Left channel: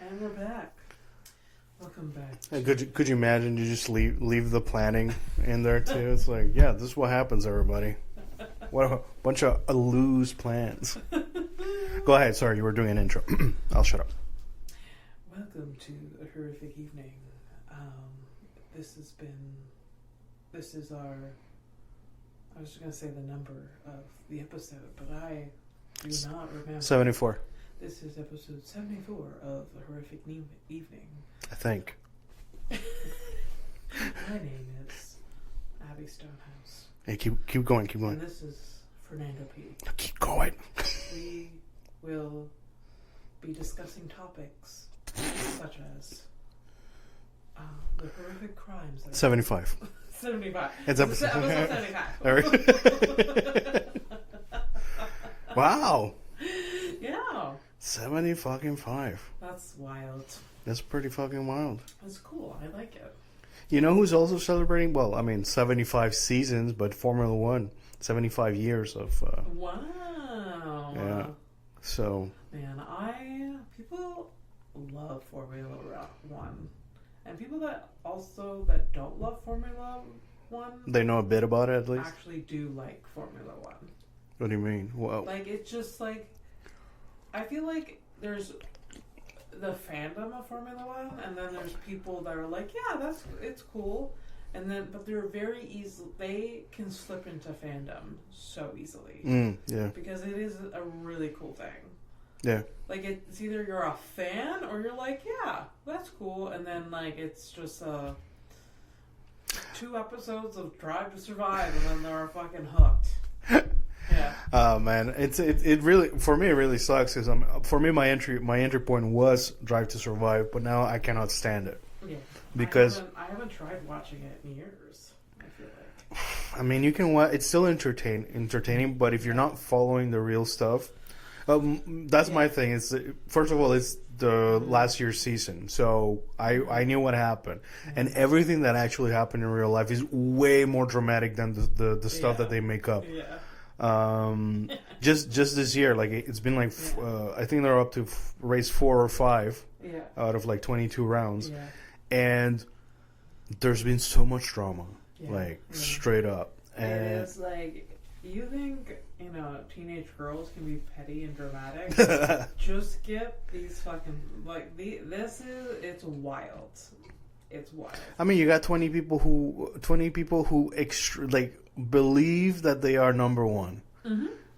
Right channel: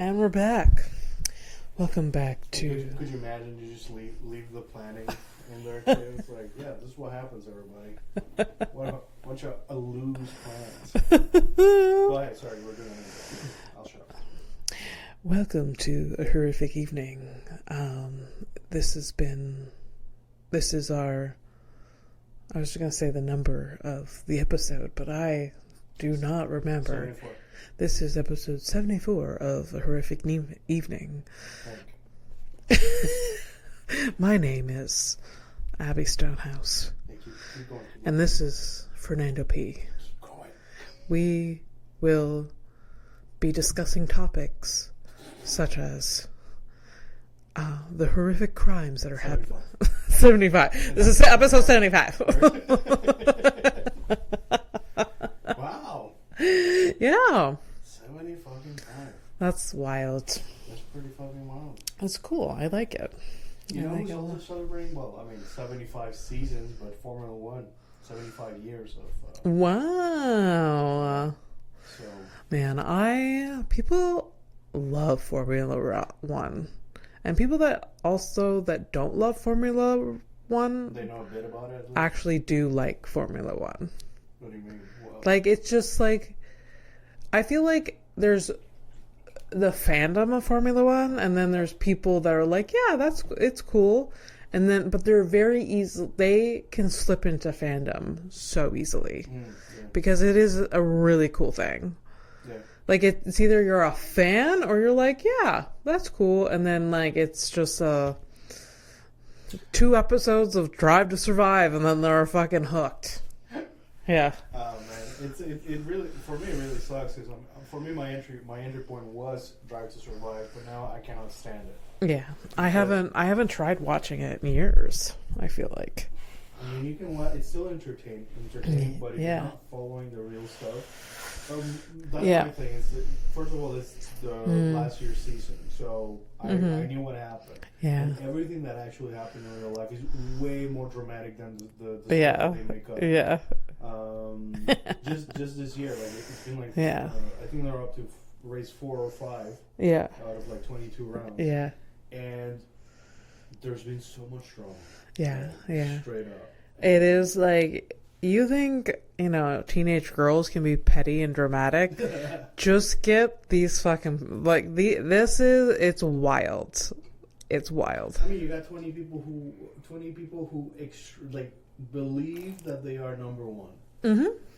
And we're back. Welcome back to... Could you imagine you just leave the planning in there too? It's like, yeah, this is what happens, everybody. What a bunch of loose plans. Go ahead. Sorry, you were doing an intro. I'll shut up. Welcome to a horrific evening. This is our... I was going to say the number of the episode, but I do not remember. 74. This is episode 74 of A Horrific Evening. I think. My name is Abby Stonehouse. Hey, keep going. And this is Fernando P. Keep going. We will be discussing topics such as the horrific crimes that are 75. 75. This is episode 75. Wow. Yeah. 70 fucking 5. That's wild. That's pretty fucking wild. That's cool. I like it. You know who's also celebrating? Well, I mean, 75 seasons, but Formula One, 75 years of... Wow. Yeah. So... Man, people love Formula One. And people that don't love Formula One... They know a bit about it, at least? Actually do like Formula One. What do you mean? Well, Like, it's just like... I feel like there's the fandom of Formula One, and then there's people that are like, yeah, it's cool. And then, but they're very easy. They can slip into fandom so easily. Yeah. Because it is a really cool thing. Yeah. Like, it's either you're a fan or you're like, yeah, that's cool. And then, like, it's just 2 episodes of Drive to Survive, and then they're fucking hooked. Yeah. Oh man, it really, for me, it really sucks because for me my entry point was Drive to Survive, but now I cannot stand it. Yeah, Because, I haven't tried watching it in years. I feel like. I mean, you can watch. It's still entertaining, but if you're not following the real stuff, that's my thing. It's first of all, it's the last year's season, so I knew what happened, and everything that actually happened in real life is way more dramatic than the stuff that they make up. Yeah. Just this year, like it's been like I think they're up to race 4 or 5 out of like 22 rounds, and there's been so much drama, straight up. And it is like, you think, teenage girls can be petty and dramatic. Just get these fucking, like, it's wild. It's wild. I mean, you got 20 people who believe that they are number one,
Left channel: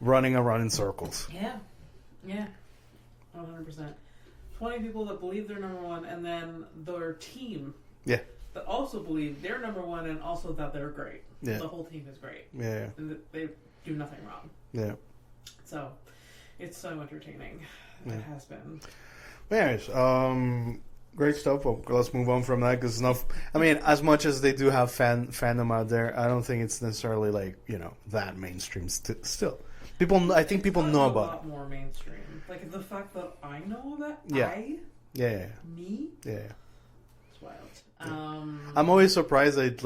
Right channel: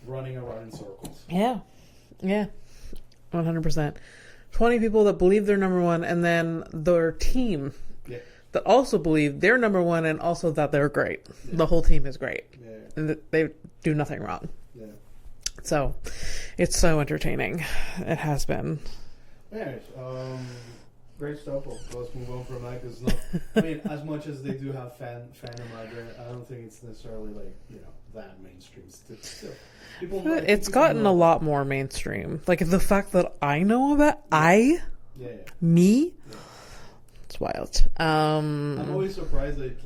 running around in circles. Yeah, 100%. 20 people that believe they're number one, and then their team, that also believe they're number one, and also that they're great. Yeah. The whole team is great. Yeah, and they do nothing wrong. Yeah. So, it's so entertaining. It has been. Anyways, great stuff. Well, let's move on from that because I mean, as much as they do have fandom out there, I don't think it's necessarily like that mainstream. Still, it's gotten a lot more mainstream. Like the fact that I know of it, me. Yeah. It's wild. I'm always surprised that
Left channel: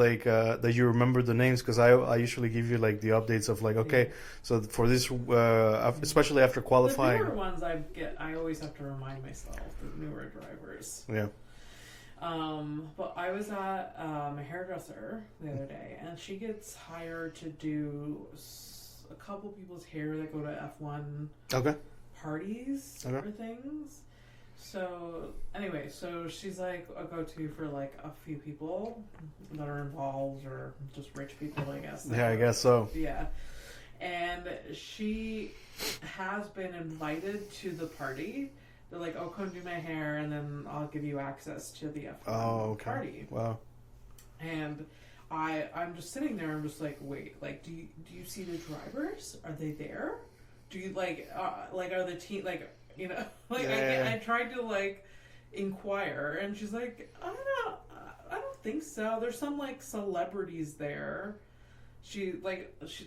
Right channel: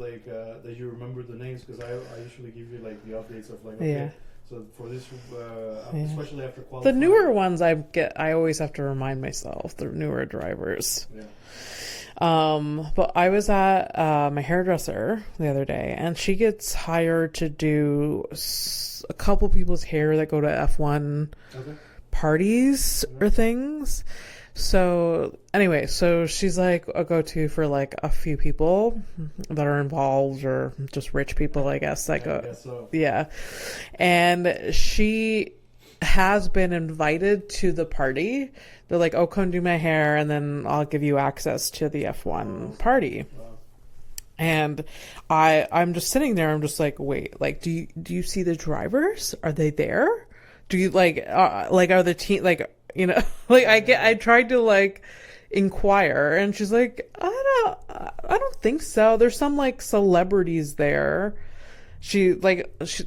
that you remember the names because I usually give you like the updates of like so for this especially after qualifying. The newer ones I always have to remind myself, the newer drivers. Yeah. But I was at my hairdresser the other day, and she gets hired to do a couple people's hair that go to F1 parties or things. So anyway, she's like a go-to for like a few people that are involved, or just rich people, I guess. I guess so. Yeah. And she has been invited to the party. They're like, oh, come do my hair, and then I'll give you access to the F1 party. Wow. And I'm just sitting there. I'm just like, wait, like, do you see the drivers? Are they there? Do you like are the team like, I tried to like inquire, and she's like, I don't think so. There's some like celebrities there. She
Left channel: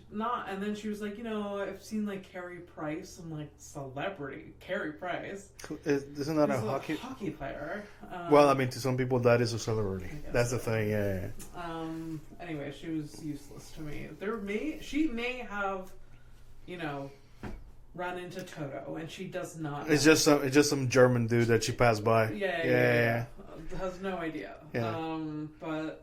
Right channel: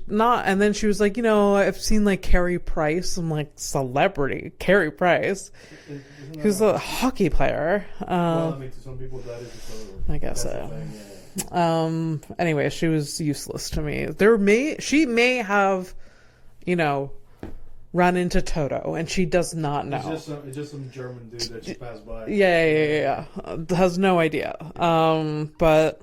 not, and then she was like, I've seen like Carey Price. I'm like, celebrity Carey Price. Isn't that He's a hockey player. Well, I mean, to some people that is a celebrity. I guess that's so. The thing. Yeah. Anyway, she was useless to me. She may have, run into Toto, and she does not know. It's just some German dude that she passed by. Yeah. Has no idea. Yeah. But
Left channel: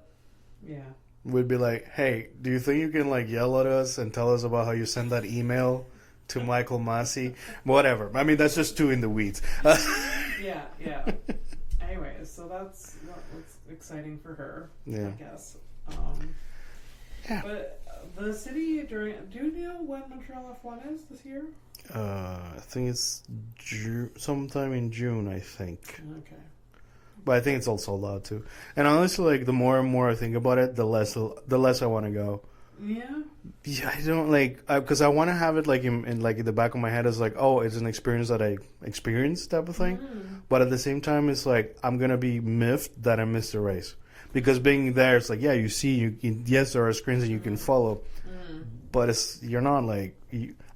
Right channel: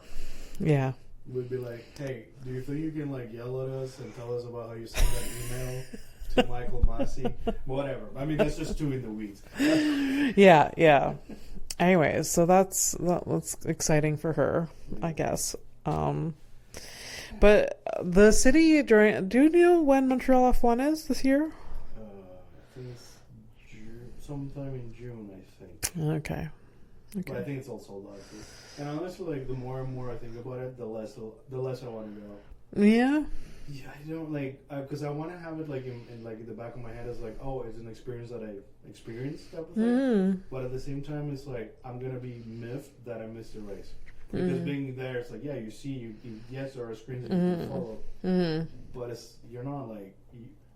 yeah. We'd be like, hey, do you think you can like yell at us and tell us about how you sent that email to Michael Massey? Whatever. I mean, that's just too in the weeds. Yeah. Anyways, so that's exciting for her, I guess. But the city do you know when Montreal F1 is this year? I think it's sometime in June, I think. Okay. But I think it's all sold out too. And honestly, like the more and more I think about it, the less I want to go. Yeah. Yeah, I don't like because I want to have it like in like in the back of my head as like, oh, it's an experience that I experienced type of thing. But at the same time, it's like I'm gonna be miffed that I missed the race because being there, it's like you see, yes, there are screens that you can follow, but you're not like.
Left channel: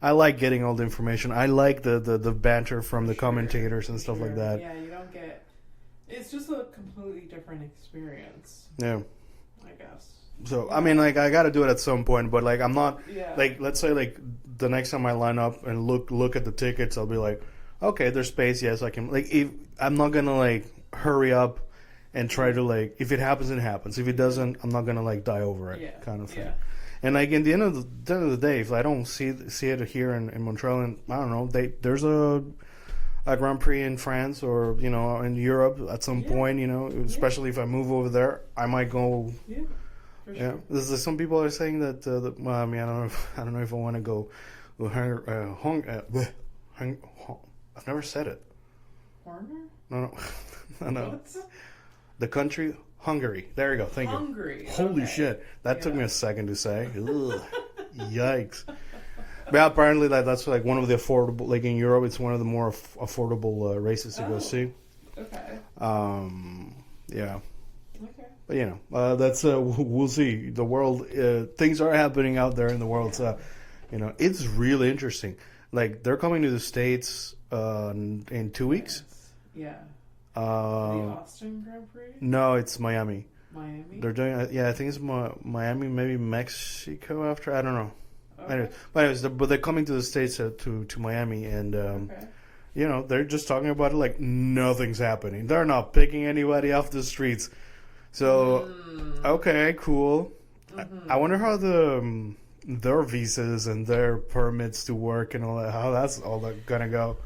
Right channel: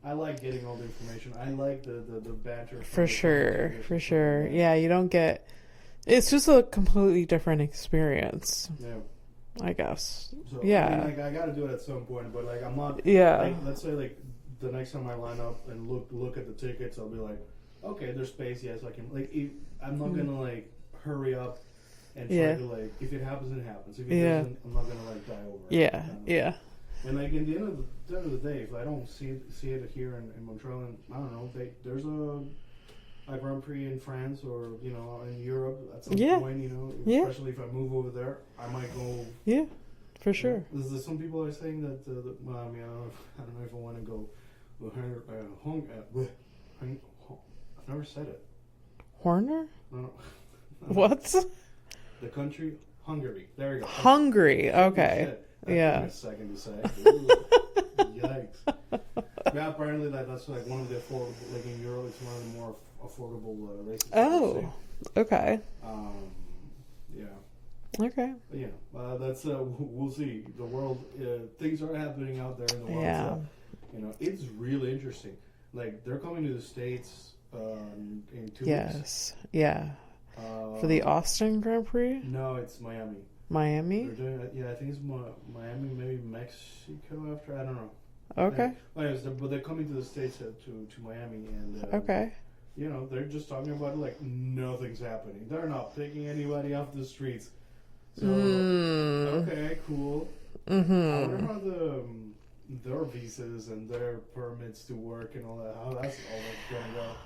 I like getting all the information. I like the banter from the commentators and stuff like that. Yeah, you don't get. It's just a completely different experience. Yeah. I guess. So, I mean, like, I got to do it at some point, but, like, I'm not... Yeah. Like, let's say, like, the next time I line up and look at the tickets, I'll be like, okay, there's space, yes, I can... Like, I'm not going to, like, hurry up and try to, like... If it happens, it happens. If it doesn't, I'm not going to, like, die over it. Kind of thing. And, like, in the end of the day, if I don't see it here in Montreal, and I don't know, there's a Grand Prix in France or, you know, in Europe at some point, you know, especially if I move over there, I might go. Yeah, for sure. Some people are saying that, well, I mean, I don't know if I want to go. I've never said it. Horner? No. What? The country, Hungary. There you go. Hungary. Okay. Holy shit. That took me a second to say. Yikes. But apparently that's like one of the affordable, like in Europe, it's one of the more affordable races to go see. Okay. Yeah. Okay. But you know, that's we'll see. The world, things are happening out there in the world. So, you know, it's really interesting. Like they're coming to the States in 2 weeks. Yeah. For the Austin Grand Prix? No, it's Miami. Miami? They're doing, I think it's Miami, maybe Mexico after. I don't know. Okay. Anyway, but anyways, they're coming to the States to Miami, and you know, they're just talking about it like nothing's happening. They're not picking anybody off the streets. So okay, cool. I wonder how their visas and their permits to work and all that, how that's all gonna go.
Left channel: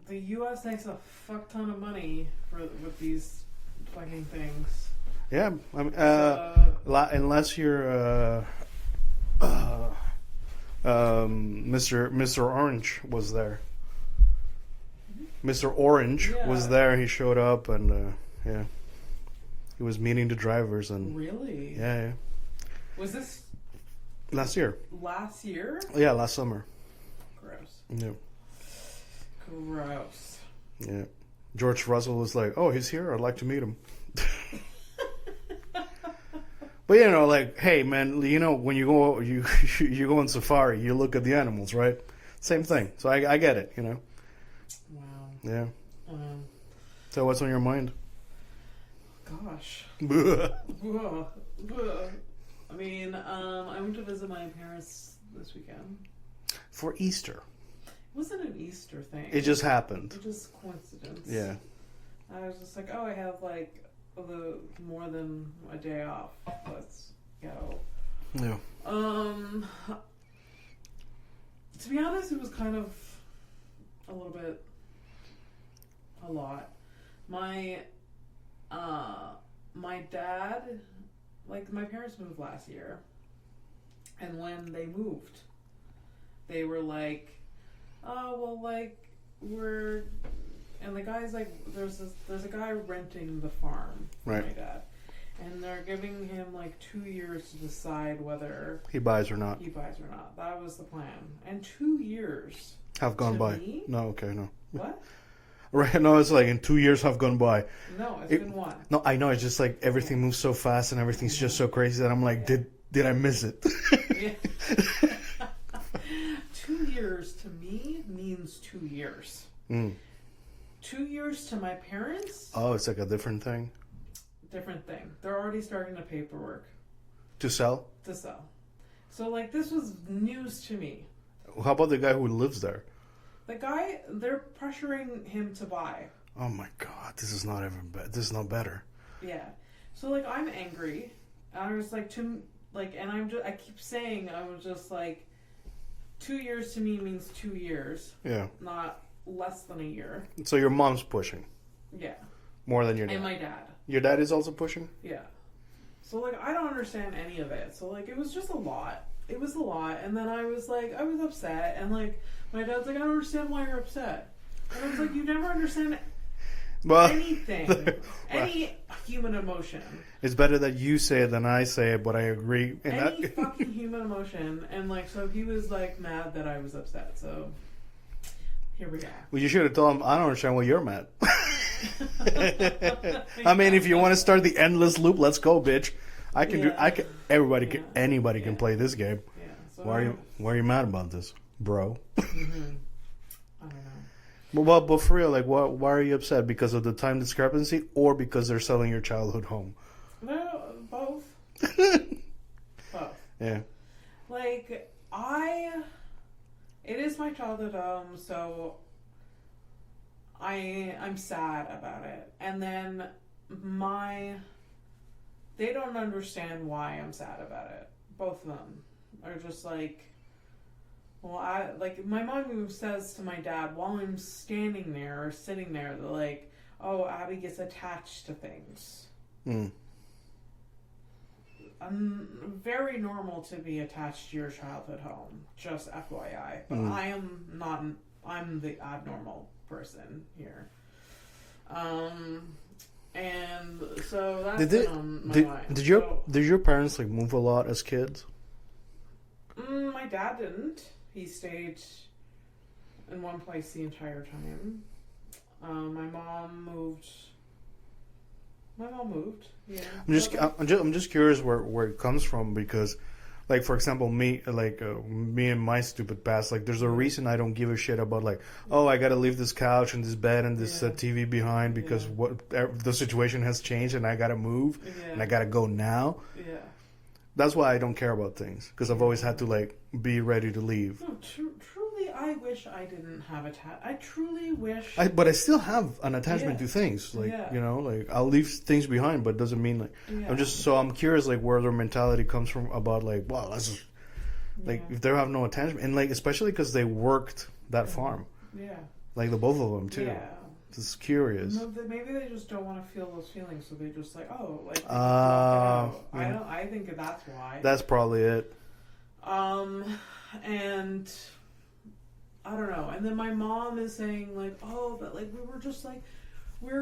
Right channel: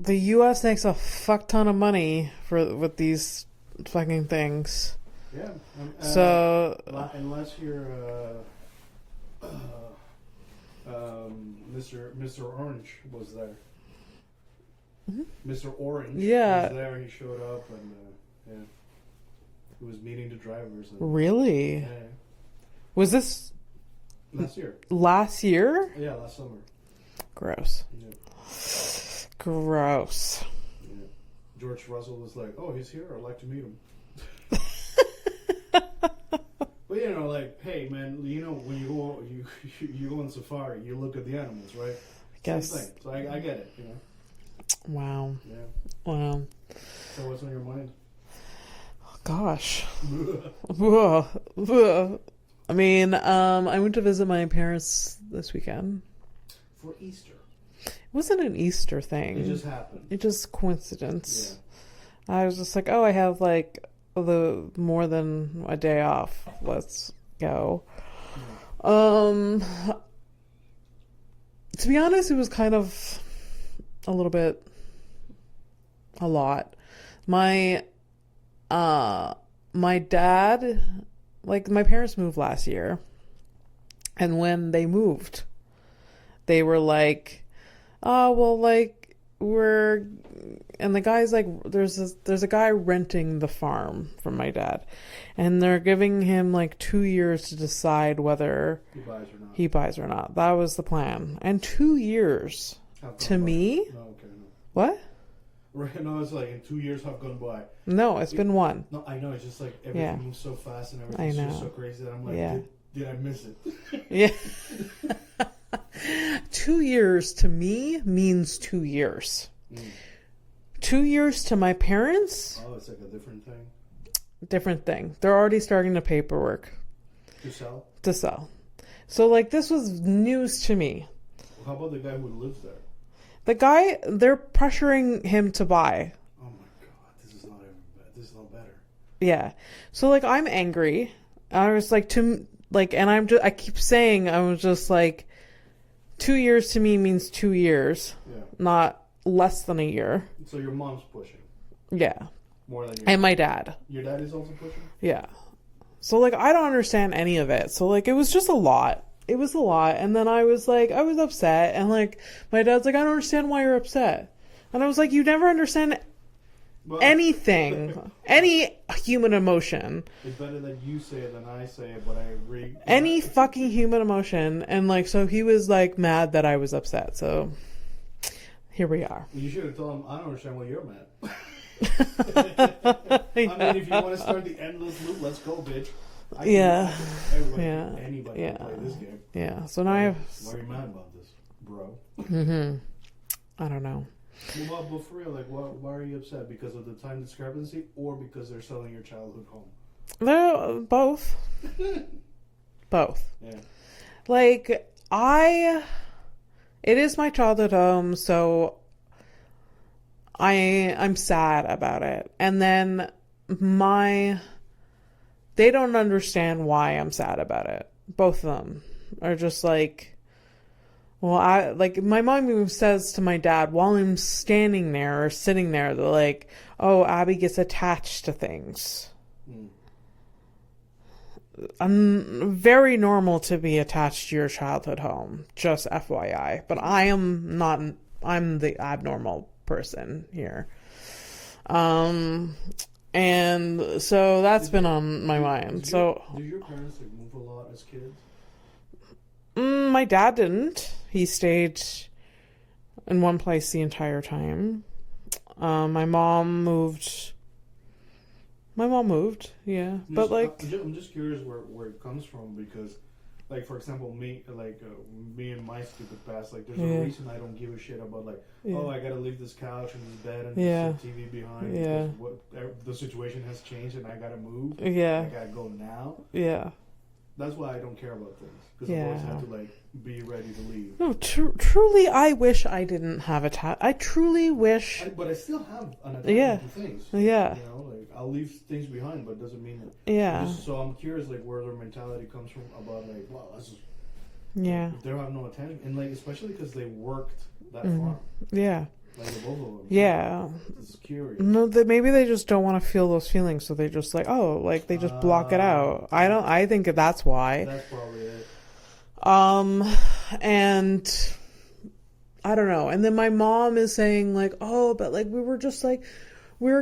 The U.S. makes a fuck ton of money with these fucking things. Yeah, I mean, unless you're Mr. Orange was there. Mr. Orange was there. He showed up and he was meeting the drivers and really. Yeah. Was this last year? Last year? Yeah, last summer. Gross. Yeah. Gross. Yeah. George Russell was like, "Oh, he's here. I'd like to meet him." But you know, like, hey, man, you know, when you go on safari, you look at the animals, right? Same thing. So I get it, you know. Wow. Yeah. Wow. So what's on your mind? Gosh. I mean, I went to visit my parents this weekend for Easter. It wasn't an Easter thing. It just happened. It just coincidence. Yeah. I was just like, oh, I have like the more than a day off. Let's go. Yeah. To be honest, it was kind of a little bit a lot. My dad, like my parents moved last year, and when they moved, they were like, oh, well, like and the guy's like, there's a guy renting the farm from my dad, and they're giving him like 2 years to decide whether he buys or not. That was the plan. And 2 years have gone to by. me. No, okay, no. What? Right, no, it's like in 2 years have gone by. No, it's been one. No, I know. It's just like everything moves so fast and everything's just so crazy that I'm like, did I miss it? Yeah. 2 years to me means 2 years. 2 years to my parents. Oh, it's like a different thing. Different thing. They're already starting the paperwork. To sell. So like this was news to me. how about the guy who lives there? The guy, they're pressuring him to buy. Oh my god, this is not even this is not better. Yeah. So like I'm angry. I was like and I keep saying, I was just like, 2 years to me means 2 years. Yeah. Not less than a year. So your mom's pushing. Yeah. More than your dad. And my dad. Your dad is also pushing? Yeah. So like I don't understand any of it. So like it was just a lot. It was a lot. And then I was upset, and like my dad's like, I don't understand why you're upset. And I was like, you never understand anything. Any human emotion. It's better that you say it than I say it, but I agree. Any fucking human emotion. And like, so he was like mad that I was upset. So here we are. Well, you should have told him, I don't understand why you're mad. I mean, if you want to start the endless loop, let's go, bitch. Anybody can play this game. Yeah. So now why are you mad about this, bro? Mm-hmm. I don't know. But for real, like, why are you upset? Because of the time discrepancy, or because they're selling your childhood home? They're both. Both. Yeah. Like, it is my childhood home, so I'm sad about it. And then they don't understand why I'm sad about it. Both of them are just like, well, my mom even says to my dad while I'm standing there or sitting there, they're like, oh, Abby gets attached to things. I'm very normal to be attached to your childhood home, just FYI. But I am not, I'm the abnormal person here. And so that's been on my mind. Did your parents like move a lot as kids? My dad didn't. He stayed in one place the entire time. My mom moved. Yeah. I'm just curious where it comes from, because, like, for example, me and my stupid past, like, there's a reason I don't give a shit about, like, oh, I gotta leave this couch and this bed and this TV behind because the situation has changed and I gotta move. Yeah. And I gotta go now. Yeah. That's why I don't care about things, because I've always had to, like, be ready to leave. No, truly, I wish I didn't have I truly wish. But I still have an attachment to things. Like, yeah. You know, like, I'll leave things behind, but it doesn't mean, like... Yeah. I'm curious, like, where their mentality comes from about, like, wow, that's just... Like, if they have no attachment. And, like, especially because they worked that farm. Yeah. Like, the both of them, too. Yeah. It's curious. No, maybe they just don't want to feel those feelings, so they just, like, they just block it out. I think that's why. That's probably it. And I don't know. And then my mom is saying, like, oh, but, like, we were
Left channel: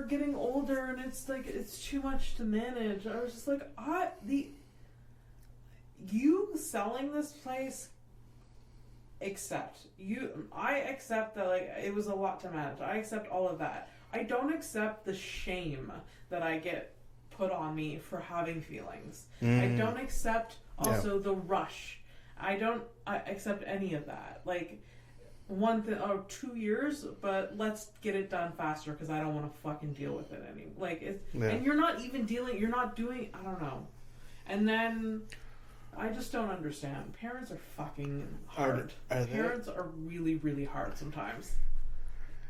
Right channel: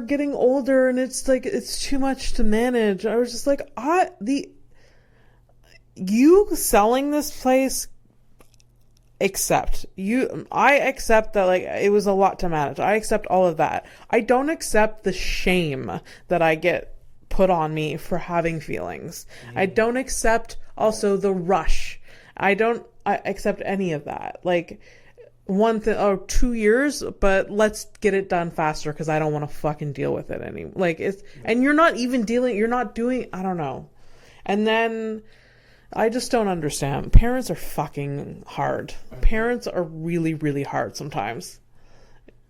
getting older and it's, like, it's too much to manage. I was just like, you selling this place, I accept that, like, it was a lot to manage. I accept all of that. I don't accept the shame that I get put on me for having feelings. I don't accept also the rush. I accept any of that. Like, 2 years, but let's get it done faster because I don't want to fucking deal with it anymore. Like, and you're not doing, I don't know. And then I just don't understand. Parents are fucking hard. Parents are really, really hard sometimes.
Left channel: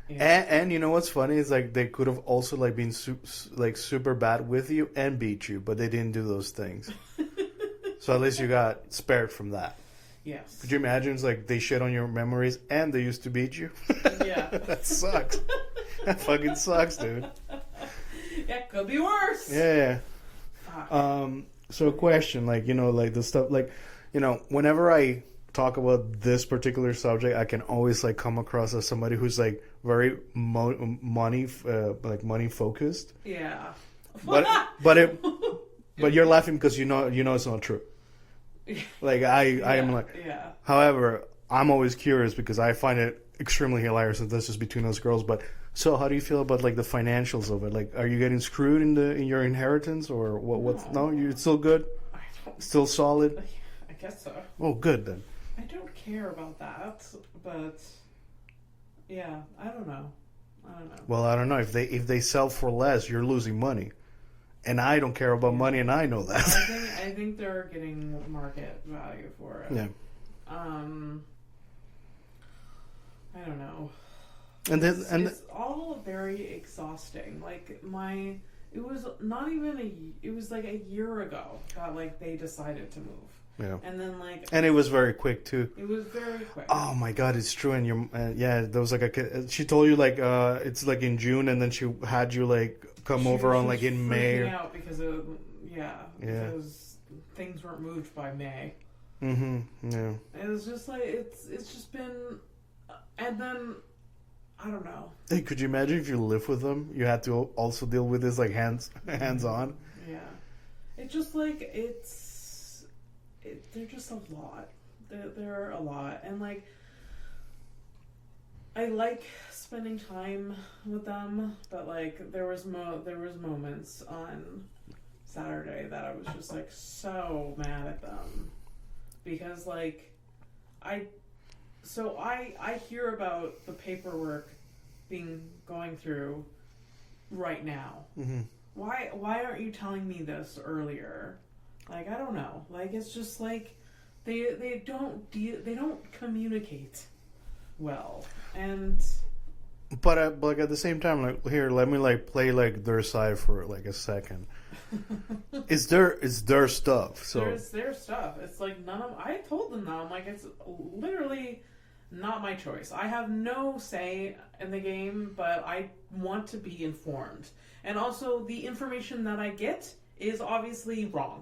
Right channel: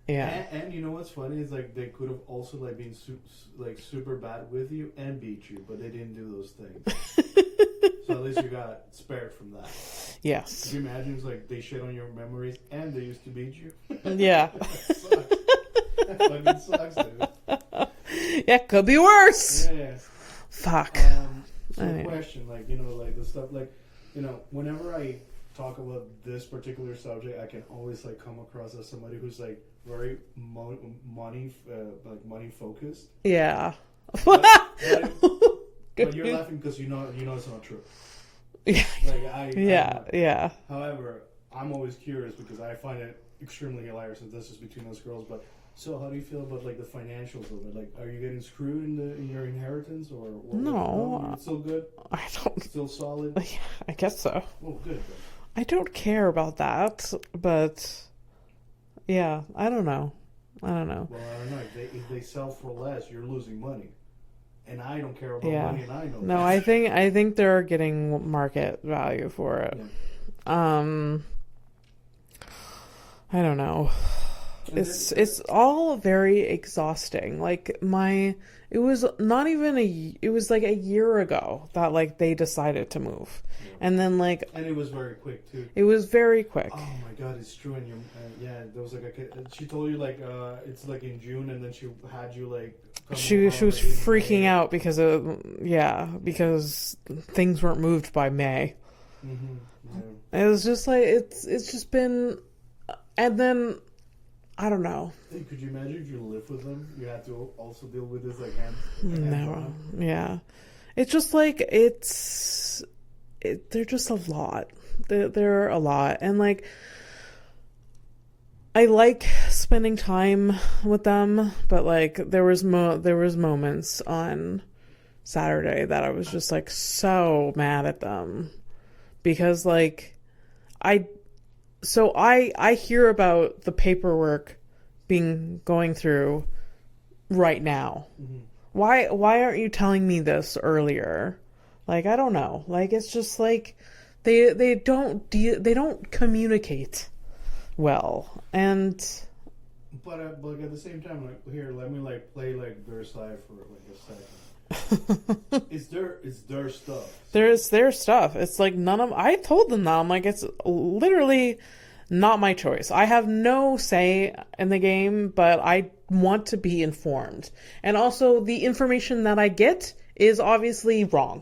Yeah. And you know what's funny is, like, they could have also, like, been super bad with you and beat you, but they didn't do those things. So at least you got spared from that. Yes. Could you imagine? It's like they shit on your memories and they used to beat you. Yeah. That sucks. That fucking sucks, dude. Yeah, could be worse. Yeah. Fuck. So a question, like, you know, like the stuff, like, you know, whenever I talk about this particular subject, I can always, like, come across as somebody who's, like, very money focused. Yeah. But you're laughing because you know it's not true. Like, I'm like, yeah. However, I'm always curious because I find it extremely hilarious that this is between us girls. But so, how do you feel about, like, the financials of it? Like, are you getting screwed in your inheritance, or what? No, you're still good. I don't. Still solid. Yeah, I guess so. Oh, good then. I don't care about that, but yeah, I don't know. Well, I don't know if they sell for less, you're losing money. And I don't care about money, and I know that. No, I think they're getting market value for it. Yeah. I don't know. And it's all very exhausting. Like it was not even it was like a year ago that like they decided to move. Yeah. And then like... And it was very quick too. It was very quick. Oh my God, it's true. And yeah, there was like she told you like, it's like in June, and then she had you like come over on like in May. She was freaking out because because things weren't moved by May. Mm-hmm. Yeah. It was just like, it's just been, and then, I don't know. Hey, could you imagine if you live with them? You had to also deal with this like hands on. Yeah. It's just like, they're just a lot. They're a lot. And like, I like spending time with them, but like there was moments on Saturday that I was just like so mad at them because like I hear about the paperwork going through right now. Mm-hmm. Why aren't you telling me this earlier? Like, I don't know. Like, it's just like they don't communicate well. And but like at the same time, like, here, let me like play like their side for like a second. It's their stuff. So. There's their stuff. It's like I told them that. I'm like, it's literally not my choice. I have no say in the game, but I want to be informed. And also the information that I get is obviously wrong.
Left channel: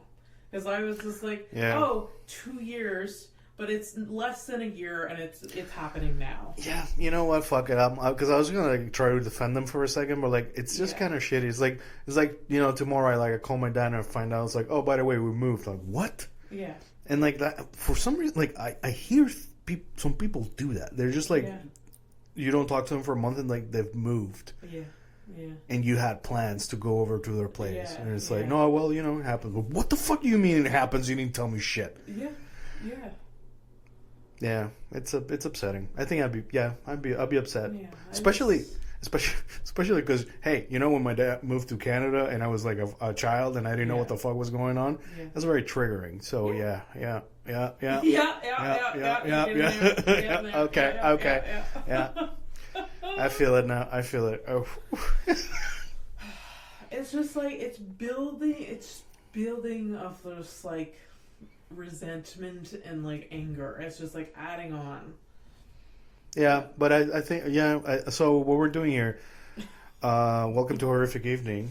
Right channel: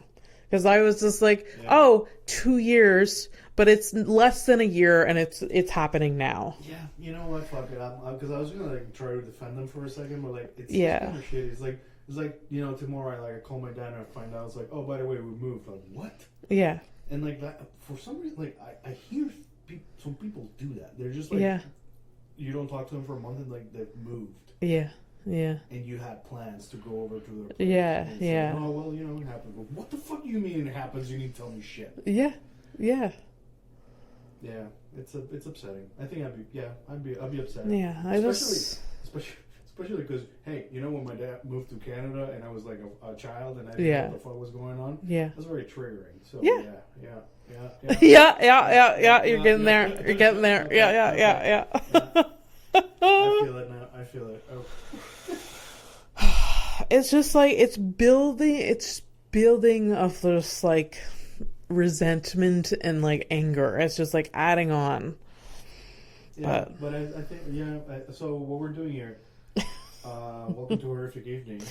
Because I was just like, 2 years, but it's less than a year, and it's happening now. Yeah, you know what? Fuck it. Because I was gonna like try to defend them for a second, but like it's just kind of shitty. It's like you know, tomorrow I call my dad and I find out it's like, oh, by the way, we moved. Like, what? Yeah. And like that for some reason, like I hear some people do that. They're just like, you don't talk to them for a month and like they've moved. Yeah. Yeah. And you had plans to go over to their place. Yeah. And it's like, no, well, you know, it happens. But what the fuck do you mean it happens? You didn't tell me shit. Yeah. Yeah. Yeah. It's upsetting. I think I'll be upset. Yeah. Especially because, hey, you know, when my dad moved to Canada and I was like a child and I didn't know what the fuck was going on. Yeah. That's very triggering. So yeah. You're getting there. You're getting there. Okay, Yeah. I feel it now. I feel it. Oh. It's just like it's building of this like resentment and like anger. It's just like adding on. Yeah, but I think so what we're doing here, welcome to Horrific Evening.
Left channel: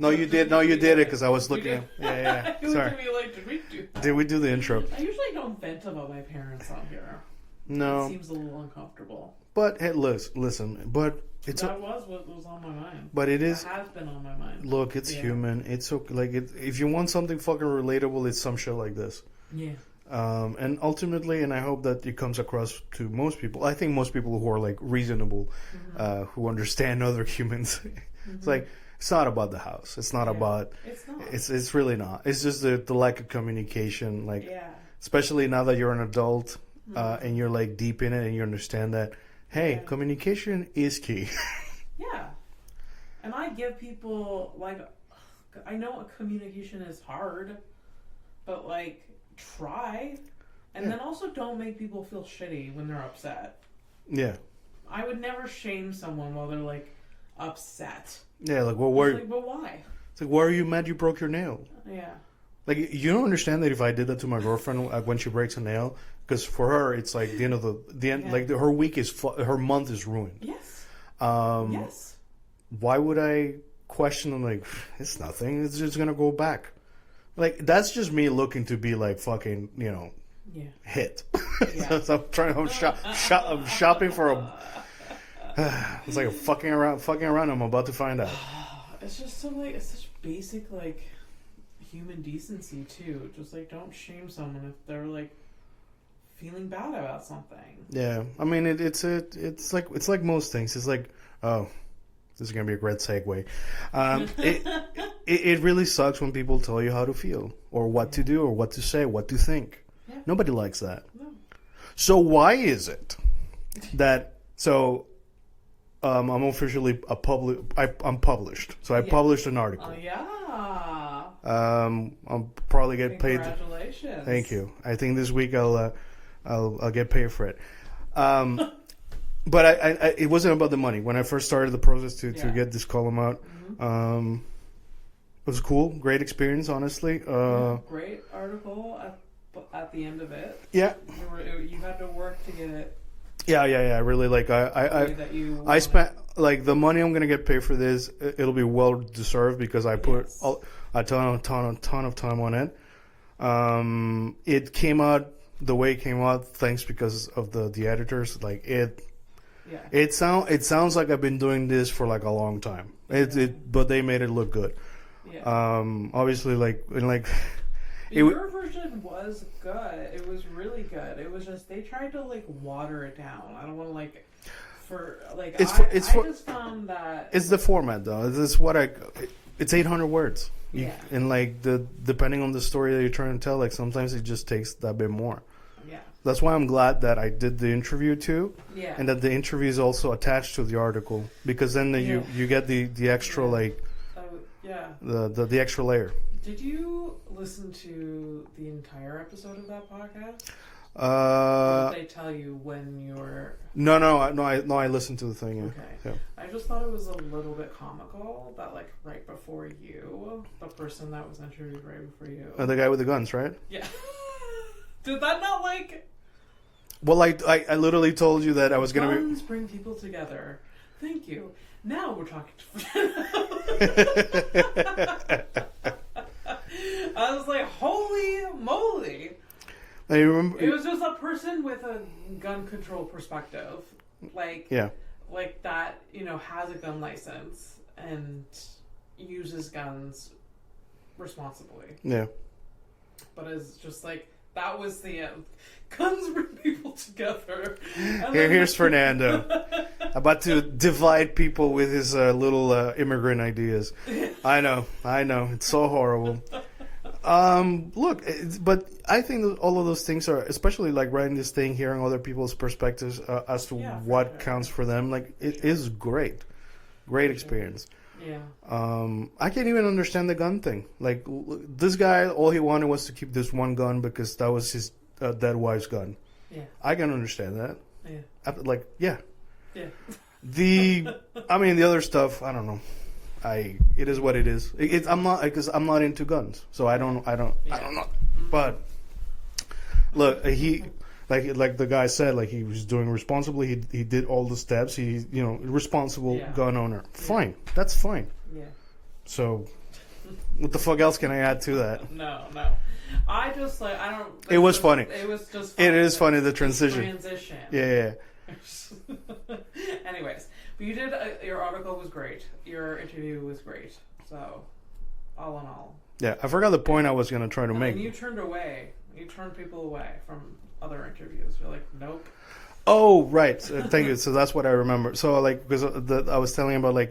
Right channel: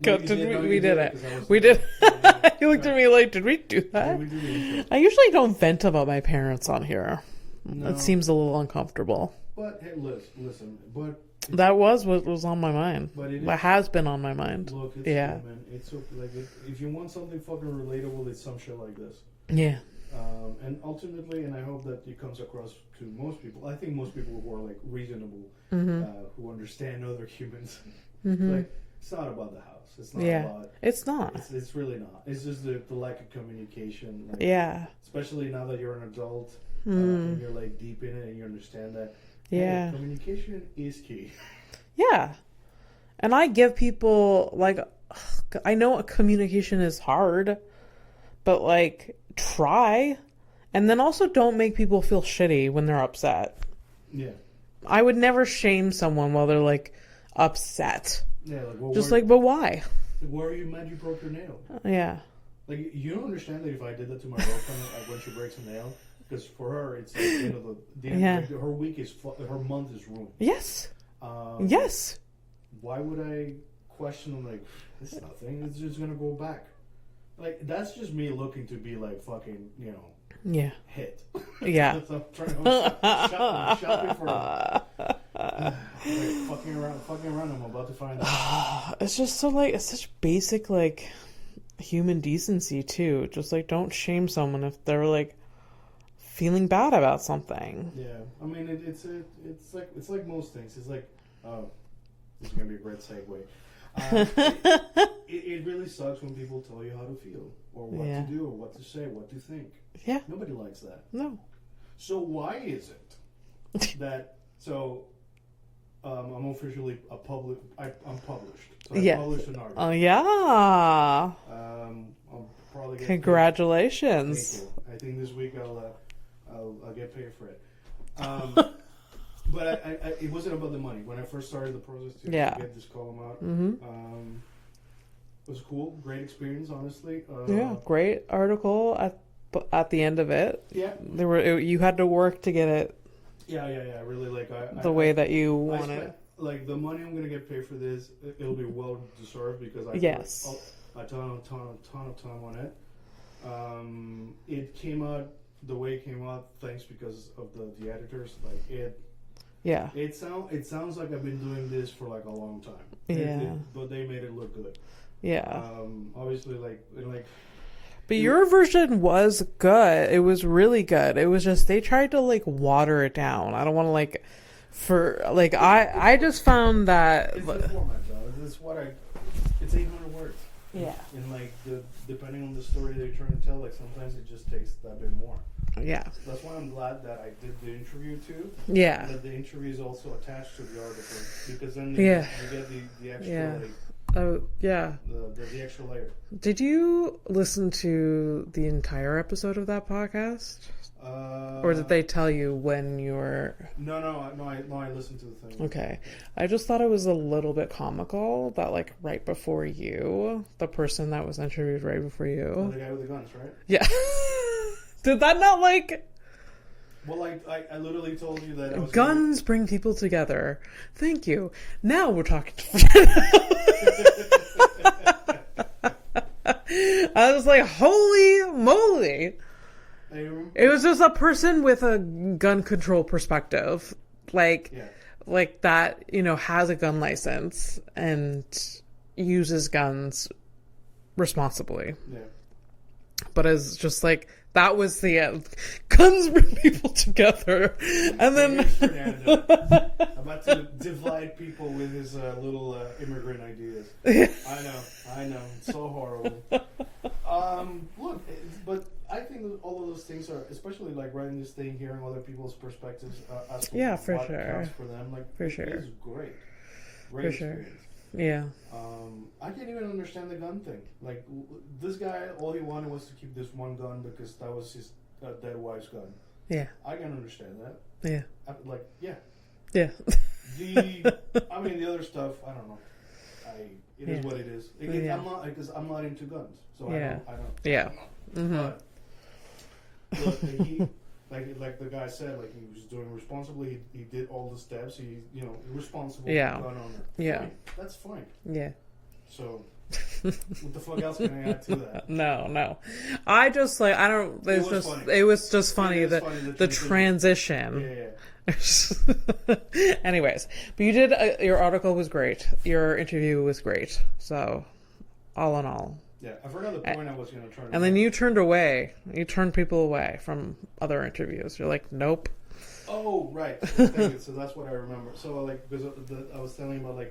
No, you did it because I was looking. We did. Yeah. You looked at me like, did we do that? Did we do the intro? I usually don't vent about my parents on here. No. It seems a little uncomfortable. But hey, listen, but that was what was on my mind. But it is. What has been on my mind. Look, it's human. It's so like if you want something fucking relatable, it's some shit like this. Yeah. And ultimately, and I hope that it comes across to most people. I think most people who are like reasonable, who understand other humans. It's like it's not about the house. It's not about. It's not. It's really not. It's just the lack of communication. Like especially now that you're an adult and you're like deep in it and you understand that. Hey, communication is key. Yeah. And I give people, like, I know communication is hard, but, like, try. And then also don't make people feel shitty when they're upset. Yeah. I would never shame someone while they're, like, upset. Yeah, like, well, but why? It's like, why are you mad you broke your nail? Yeah. Like, you don't understand that if I did that to my girlfriend when she breaks a nail... Because for her, it's like the end of the end. Like her week her month is ruined. Yes. Yes. Why would I question them? Like it's nothing. It's just gonna go back. Like that's just me looking to be like fucking, you know. Yeah. Hit. Yeah. So I'm shopping for a. It's like fucking around. I'm about to find out. It's just so like it's such basic like human decency too. Just like don't shame someone if they're like. Feeling bad about something. Yeah, I mean it's like most things. It's like, oh, this is gonna be a great segue. It really sucks when people tell you how to feel or what to do or what to say, what to think. Yeah, nobody likes that. No. So why is it that I'm officially I'm published. So I published an article. Oh yeah. I'll probably get Congratulations. Paid. Thank you. I think this week I'll get paid for it. but I it wasn't about the money. When I first started the process to get this column out, it was cool, great experience, honestly. Great article at the end of it. Yeah, you had to work to get it. Yeah. Really, like the way that you. I spent like the money I'm gonna get paid for this. It'll be well deserved because I put a ton of time on it. It came out the way it came out thanks because of the editors. Like it. Yeah. It sounds like I've been doing this for like a long time. But they made it look good. Yeah. Obviously, But your version was good. It was really good. It was just they tried to like water it down. I don't want to like I just found that it's the format though. It's 800 words. Yeah. And like depending on the story that you're trying to tell, like sometimes it just takes that bit more. Yeah. That's why I'm glad that I did the interview too. Yeah. And that the interview is also attached to the article because then you get the extra like. The extra layer. Did you listen to the entire episode of that podcast? Or did they tell you when you were? No. I listened to the thing. Okay. Yeah. I just thought it was a little bit comical that like right before you, the person that was interviewed right before you, the guy with the guns, right? Yeah. Did that not like? Well, I literally told you that I was guns bring people together. Thank you. Now we're talking to I was like, holy moly. I remember it was just a person with a gun control perspective. Like that, has a gun license and uses guns responsibly. Yeah. But it's just like that was the end. Guns bring people together. And then here's Fernando about to divide people with his little immigrant ideas. I know. It's so horrible. Look, but I think that all of those things are, especially like writing this thing, hearing other people's perspectives as to what counts for them. Like it is great experience. Yeah. I can't even understand the gun thing. Like this guy, all he wanted was to keep this one gun because that was his dead wife's gun. Yeah. I can understand that. Yeah. Yeah. Yeah. The other stuff, I don't know. It is what it is. I'm not because I'm not into guns, so I don't. Yeah. I don't know. Mm-hmm. But look, he. Like the guy said, like he was doing responsibly. He did all the steps. He, responsible gun owner. Fine, that's fine. Yeah. So, what the fuck else can I add to that? No. I just I don't. It was funny. It was just funny. It is funny the transition. Yeah. Anyways, but you did. Your article was great. Your interview was great. So, all in all. Yeah, I forgot the point I was going to try to make. And then you turned away. You turned people away from other interviews. You're like, nope. Oh, right. Thank you. So that's what I remember. So, because I was telling about,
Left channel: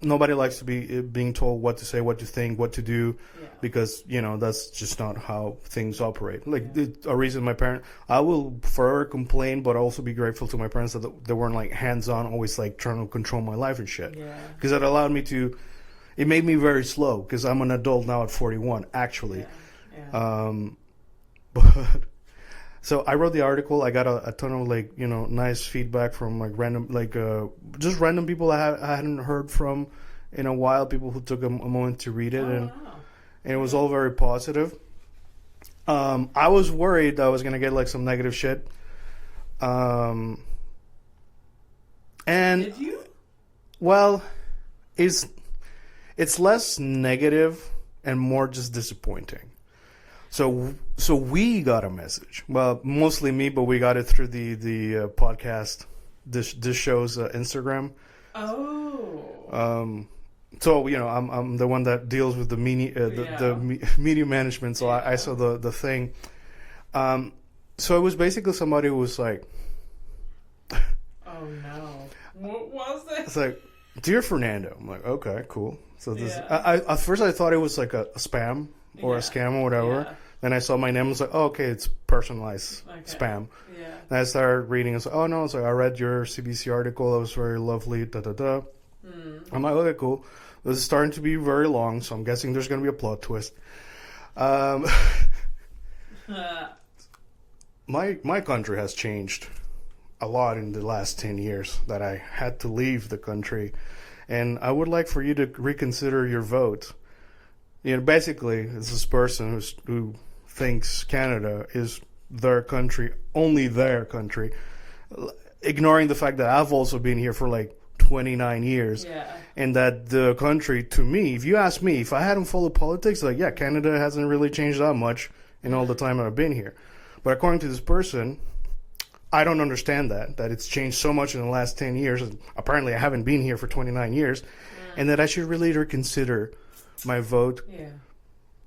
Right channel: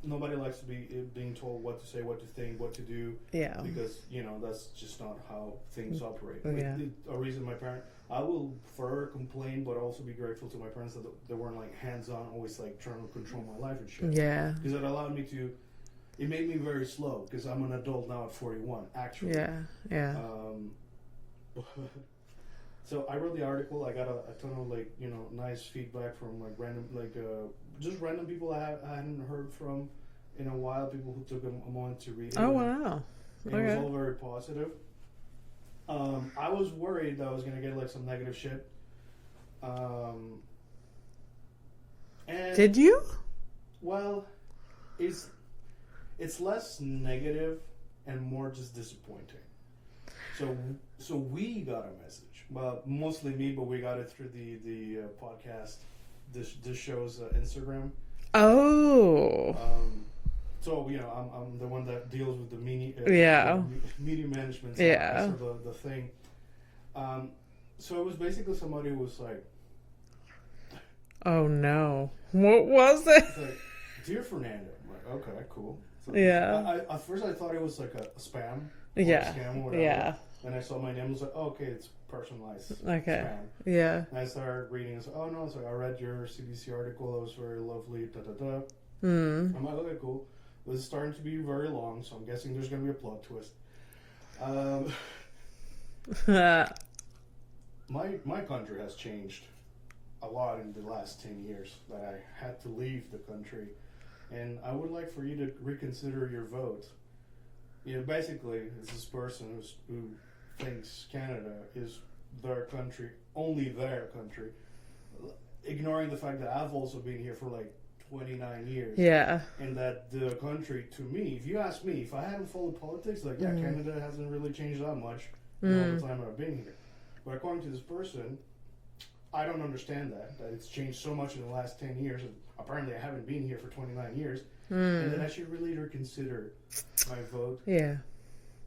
nobody likes to be being told what to say, what to think, what to do. Yeah. Because, that's just not how things operate. A reason I will forever complain, but also be grateful to my parents that they weren't, hands-on, always, trying to control my life and shit. Yeah. Because it allowed me to... It made me very slow because I'm an adult now at 41, actually. Yeah. But so I wrote the article. I got a ton of nice feedback from random just random people I hadn't heard from in a while. People who took a moment to read it. Wow. And it was all very positive. I was worried that I was gonna get some negative shit. And did you? Well, it's less negative and more just disappointing. So we got a message. Well, mostly me, but we got it through the podcast, this show's Instagram. Oh. So I'm the one that deals with the media management. So I saw the thing. So it was basically somebody who was like, "Oh no, what was it?" It's like, "Dear Fernando." I'm like, "Okay, cool." So at first I thought it was like a spam or a scam or whatever. Yeah. Then I saw my name. I was like, "Oh, okay, it's personalized spam." Yeah. And I started reading. I was like, "Oh no!" It's like I read your CBC article. It was very lovely. Da da da. I'm like, "Okay, cool." This is starting to be very long, so I'm guessing there's going to be a plot twist. My country has changed a lot in the last 10 years that I had to leave the country. And I would like for you to reconsider your vote. Basically, it's this person who thinks Canada is their country, only their country, ignoring the fact that I've also been here for like 29 years. Yeah. And that the country, to me, if you ask me, if I hadn't followed politics, like, yeah, Canada hasn't really changed that much in all the time I've been here. But according to this person, I don't understand that it's changed so much in the last 10 years. Apparently, I haven't been here for 29 years. And that I should really reconsider my vote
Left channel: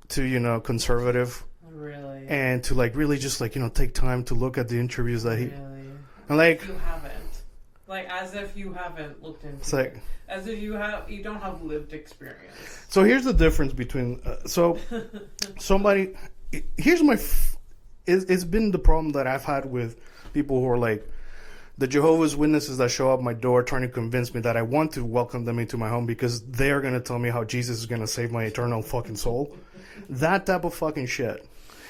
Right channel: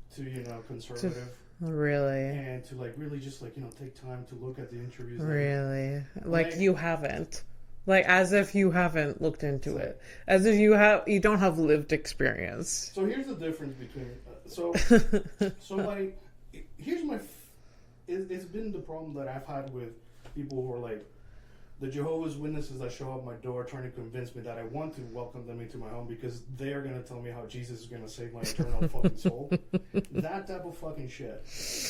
to, conservative. Really? And to, like, really just, like, take time to look at the interviews. Really? Like you haven't. Like, as if you haven't looked into it. As if you don't have lived experience. So here's the difference between... somebody... Here's my... It's been the problem that I've had with people who are like the Jehovah's Witnesses that show up my door trying to convince me that I want to welcome them into my home because they're going to tell me how Jesus is going to save my eternal fucking soul. That type of fucking shit.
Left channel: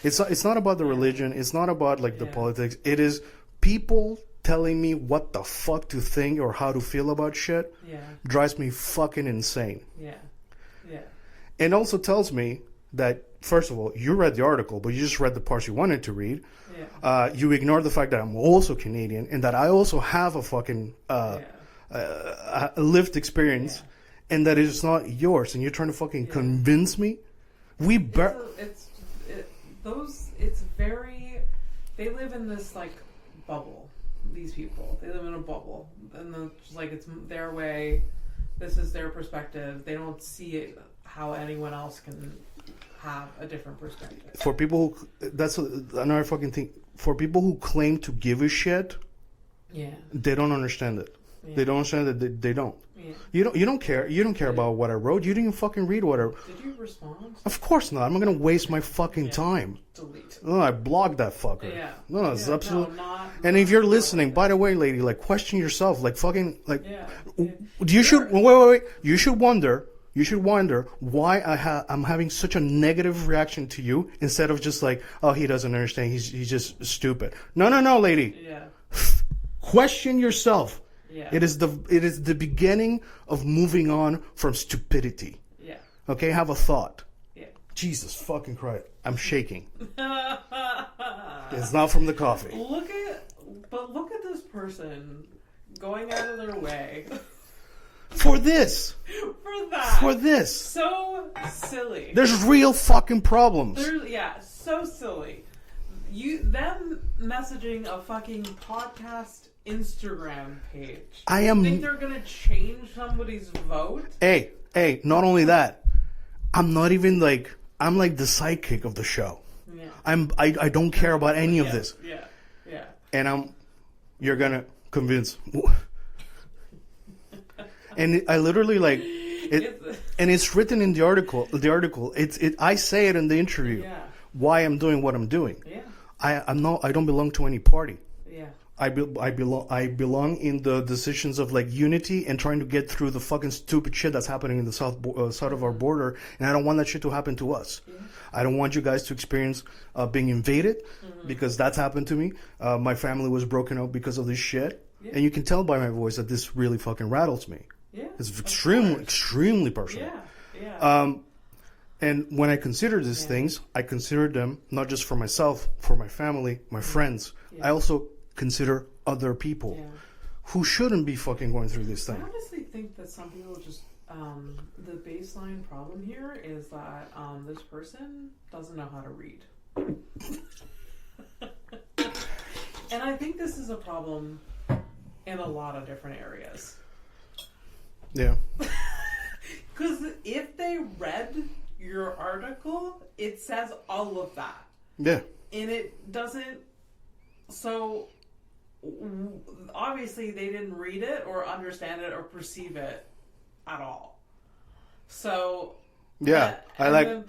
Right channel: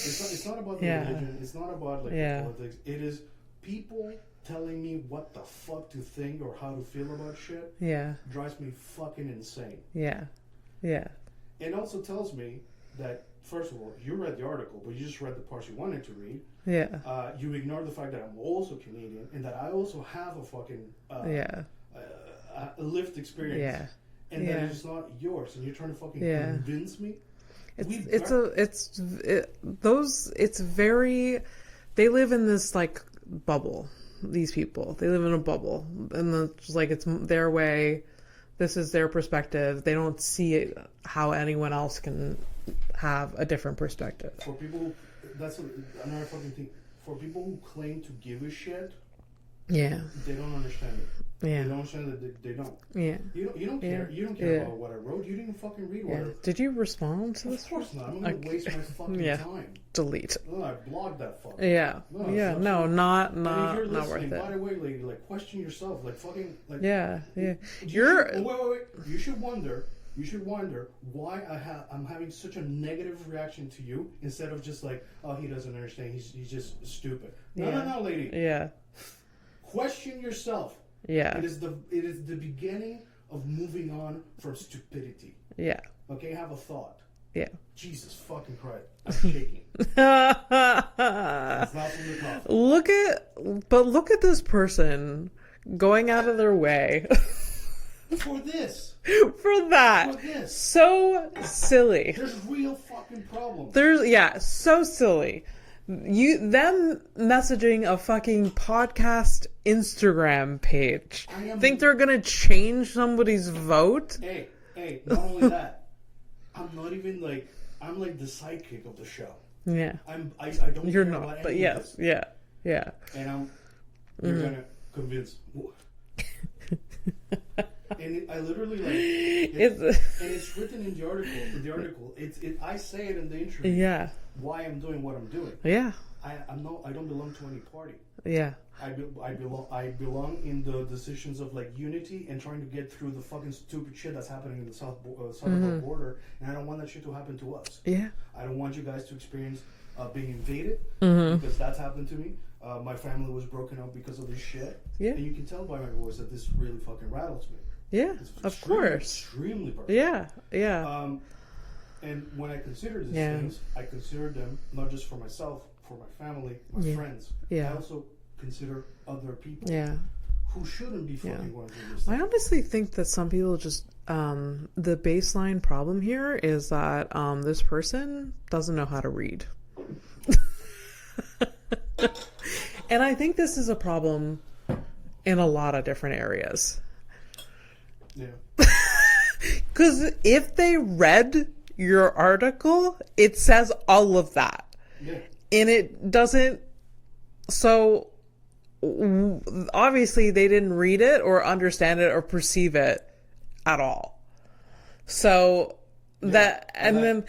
It's not about the religion. It's not about like the politics. It is people telling me what the fuck to think or how to feel about shit. Yeah. Drives me fucking insane. Yeah. Yeah. And also tells me that, first of all, you read the article, but you just read the parts you wanted to read. Yeah. You ignore the fact that I'm also Canadian and that I also have a fucking lived experience, and that it is not yours. And you're trying to fucking convince me. It's very. They live in this like bubble. These people, they live in a bubble, and it's like it's their way. This is their perspective. They don't see it, how anyone else can have a different perspective. For people who, that's another fucking thing. For people who claim to give a shit, they don't understand it. Yeah. They don't understand that they don't. Yeah. You don't care. Yeah. You don't care about what I wrote. You didn't even fucking read what I wrote. Did you respond? Of course not. I'm not gonna waste my fucking time. Delete. No, I blogged that fucker. Yeah. No, it's not. And if you're listening, by the way, lady, like question yourself. Like fucking like. Yeah. You should wait. You should wonder. You should wonder why I'm having such a negative reaction to you instead of just like, oh, he doesn't understand. He's just stupid. No, lady. Yeah. Question yourself. Yeah. It is the beginning of moving on from stupidity. Yeah. Okay, have a thought. Yeah. Jesus fucking Christ. I'm shaking. It's not from the coffee. Look at this person going out of their way. For this. For that. For this. So silly. There's real fucking problems. So silly. Them messaging a fucking podcast Instagram page. Think they're gonna change somebody's vote? Hey, not only that, I'm not even like, I'm like the sidekick of the show. Yeah. I don't care about any of this. Yeah. Yeah. And you're gonna convince. And I literally like it, and it's written in the article. I say it in the interview. Yeah. Why I'm doing what I'm doing. Yeah. I don't belong to any party. Yeah. I belong in the decisions of like unity and trying to get through the fucking stupid shit that's happening in the side of our border, and I don't want that shit to happen to us. Yeah. I don't want you guys to experience being invaded because that's happened to me. My family was broken up because of this shit, and you can tell by my voice that this really fucking rattles me. Yeah, it's extremely personal. Yeah. And when I consider these things, I consider them not just for myself, for my family, my friends. Yeah. I also consider other people who shouldn't be fucking going through this thing. I honestly think that some people just the baseline problem here is that this person doesn't know how to read. And I think this is a problem in a lot of different areas. Yeah. Because if they read your article, it says all of that. Yeah. And it doesn't. So obviously they didn't read it or understand it or perceive it at all. So then,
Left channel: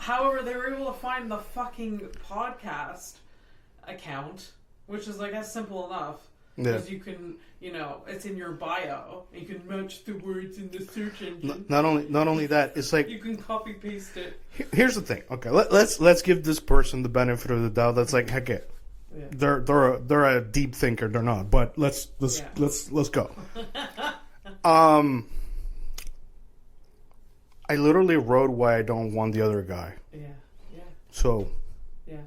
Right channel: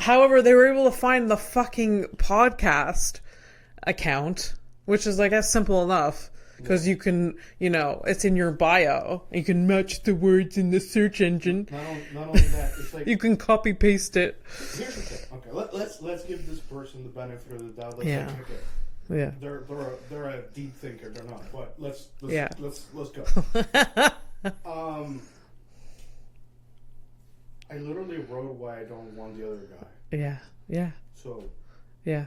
however, they were able to find the fucking podcast account, which is, I guess, simple enough. Because you can, it's in your bio. You can match the words in the search engine. Not only that, it's like you can copy paste it. Here's the thing. Okay, let's give this person the benefit of the doubt. That's like, okay, Yeah. They're a deep thinker. They're not. But let's go. I literally wrote why I don't want the other guy. Yeah. Yeah. So. Yeah.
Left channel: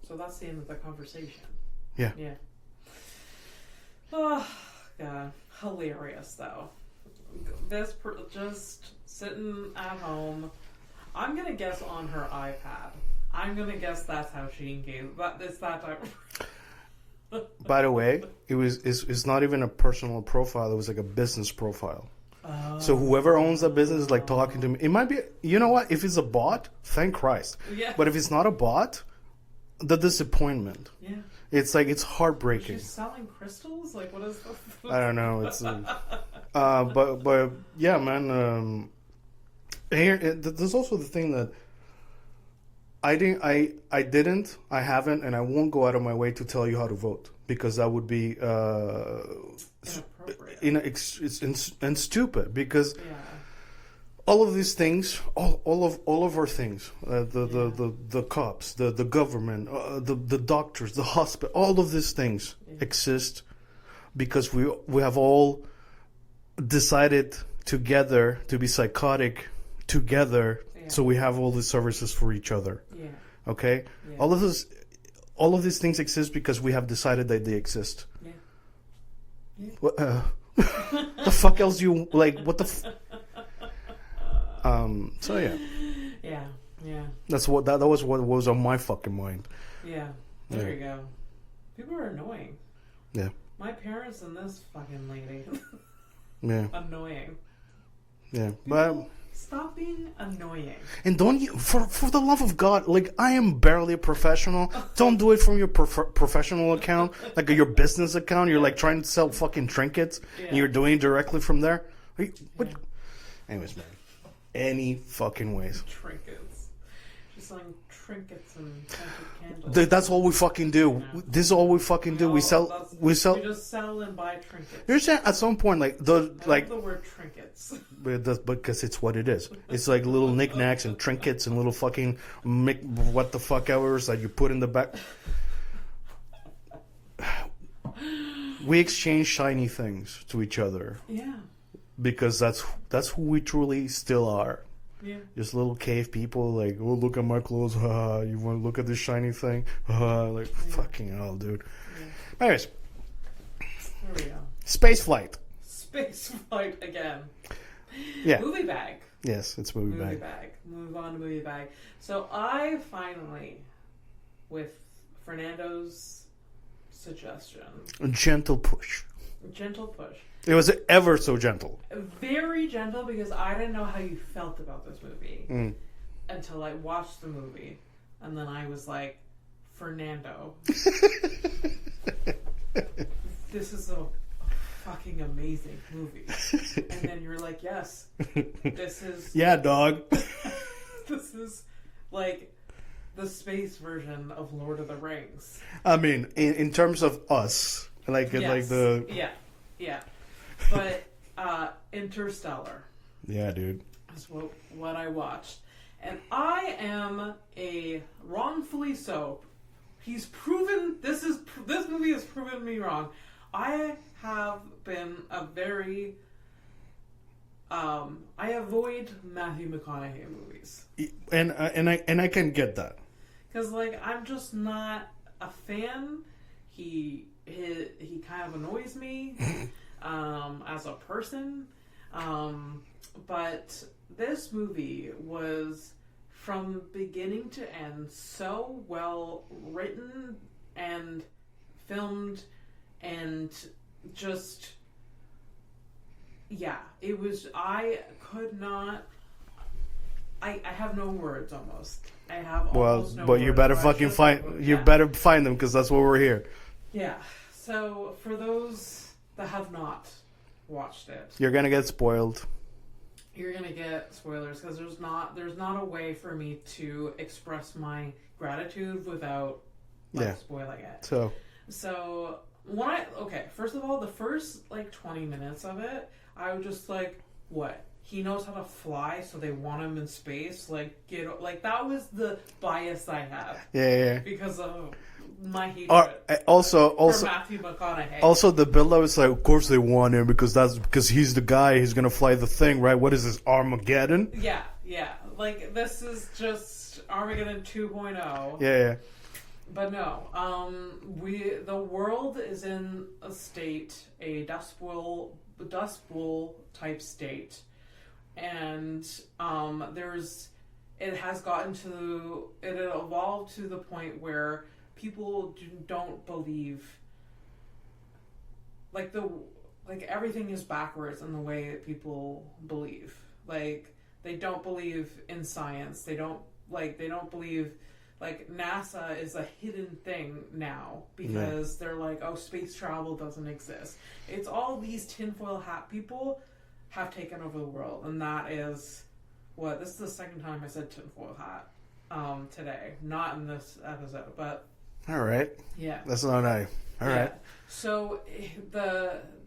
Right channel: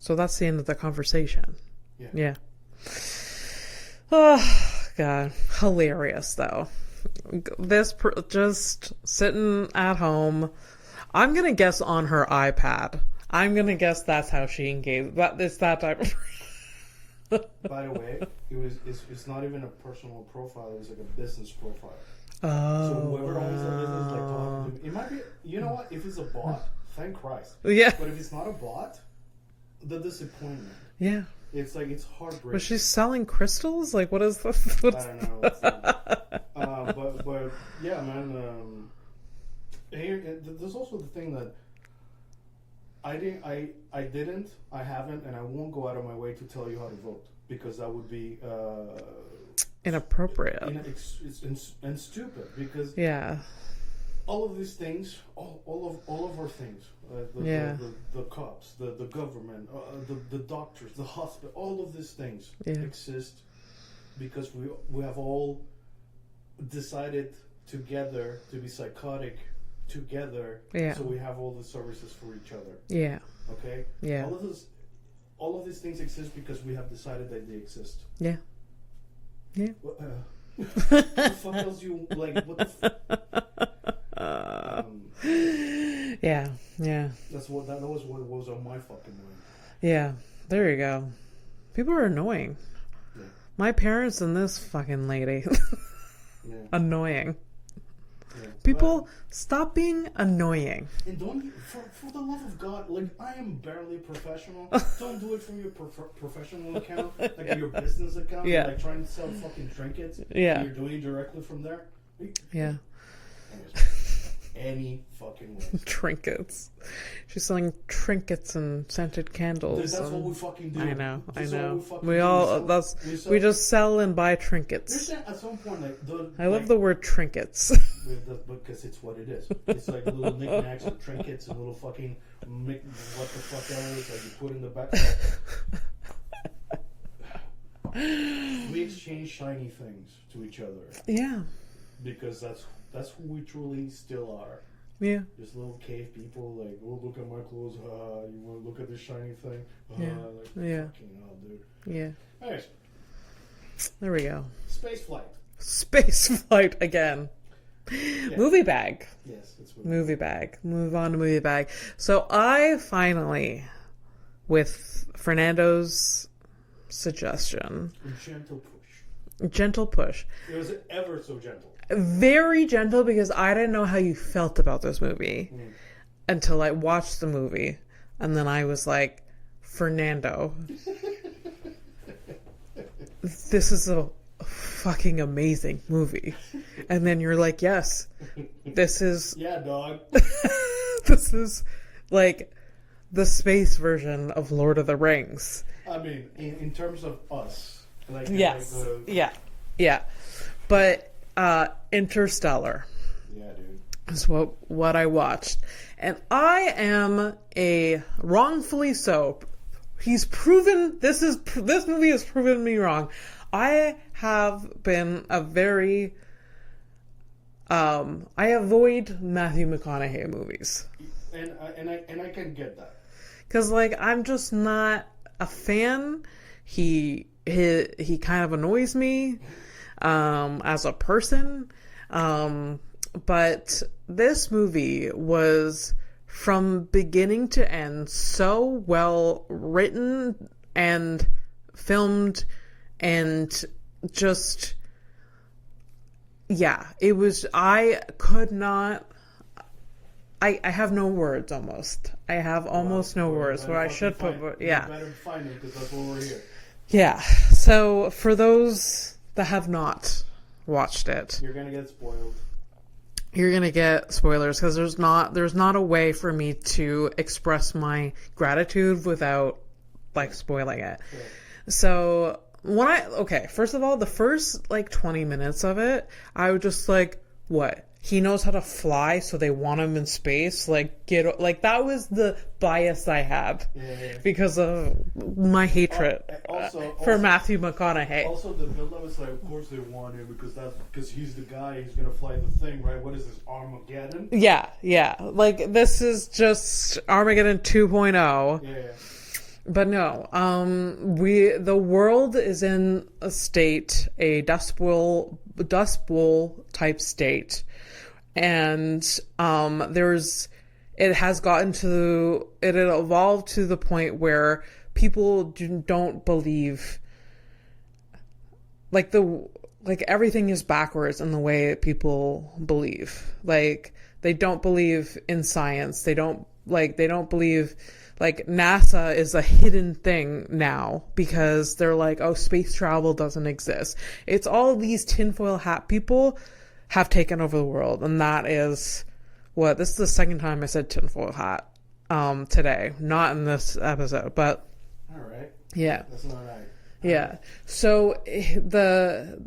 So that's the end of the conversation. Yeah. Yeah. Oh God, hilarious though. Just sitting at home. I'm gonna guess on her iPad. I'm gonna guess that's how she engaged. It's that type. By the way, it's not even a personal profile. It was like a business profile. Oh. So whoever owns the business is like talking to me. It might be. You know what? If it's a bot, thank Christ. Yeah. But if it's not a bot, the disappointment. Yeah. It's like it's heartbreaking. Was she selling crystals? Like, what is this? I don't know. It's but yeah, man. There's also the thing that I haven't, and I won't go out of my way to tell you how to vote because that would be inappropriate. And stupid because yeah. All of these things, all of our things, the cops, the government, the doctors, the hospital, all of these things exist because we have all decided together to be psychotic together, so we have all these services for each other. Yeah. Okay. Yeah. All of these things exist because we have decided that they exist. Yeah. Yeah. What the fuck else you like? What the. So yeah. Yeah. That's what that was what was on my fucking mind. Yeah. There you go. People are annoying. Yeah. My parents and this fucking lady. Yeah. Annoying. Yeah. People stop being annoying. And don't you for the love of God, like I am barely a professional. Don't do it from your professional account, like your business account. You're like trying to sell fucking trinkets. Yeah. And you're doing it directly from there. Yeah. Anyways. Any fucking ways. Trinkets. She's selling trinkets and scented candles. Dude, that's all we fucking do. This is all we fucking do. We sell. We just sell and buy trinkets. You're saying at some point, like I love the word trinkets. Because it's what it is. It's like little knickknacks and trinkets and little fucking what the fuck ever that you put in the back. We exchange shiny things to each other. Yeah. Because that's who we truly still are. Yeah. Just little cave people, like, oh, look at my clothes. You want to look at this shiny thing? Like, fucking hell, dude. Yeah. Anyways. There we go. Space flight. Space flight again. Yeah. Movie bag. Yes, it's movie bag. Move on to movie bag. So I finally, with Fernando's suggestion. A gentle push. It was ever so gentle. Very gentle because I didn't know how you felt about this movie until I watched the movie. And then I was like, Fernando, this is a fucking amazing movie. And then you're like, yes, this is... Yeah, dog. This is like the space version of Lord of the Rings. I mean, in terms of us... Yeah. But Interstellar. Yeah, dude. Is what I watched. And I am a wrongfully so. He's proven this movie has proven me wrong. I have been a very I avoid Matthew McConaughey movies. And I can get that. Cuz like I'm just not a fan. He kind of annoys me as a person. But this movie was from beginning to end so well written and filmed and just it was I have no words almost. I have almost no words. But you better fucking find them because that's why we're here. Yeah. So for those that have not watched it, you're gonna get spoiled. You're gonna get spoilers because there's not a way for me to express my gratitude without spoiling it. So when first of all, the first 20 minutes of it, I was just like, what? he knows how to fly, so they want him in space. Like, that was the bias I had. Yeah. Because of my hatred for Matthew McConaughey. Also, the build-up is like, of course they want him because he's the guy who's gonna fly the thing, right? What is this, Armageddon? Yeah. Like, this is just Armageddon 2.0. Yeah. But no, the world is in a dust bowl type state, and it had evolved to the point where people don't believe, like everything is backwards in the way that people believe. Like, they don't believe in science. They don't believe. Like, NASA is a hidden thing now because they're like, oh, space travel doesn't exist. It's all these tinfoil hat people have taken over the world. And that is this is the second time I said tinfoil hat today. Not in this episode, but. All right. Yeah. That's not nice. Yeah. Right. So the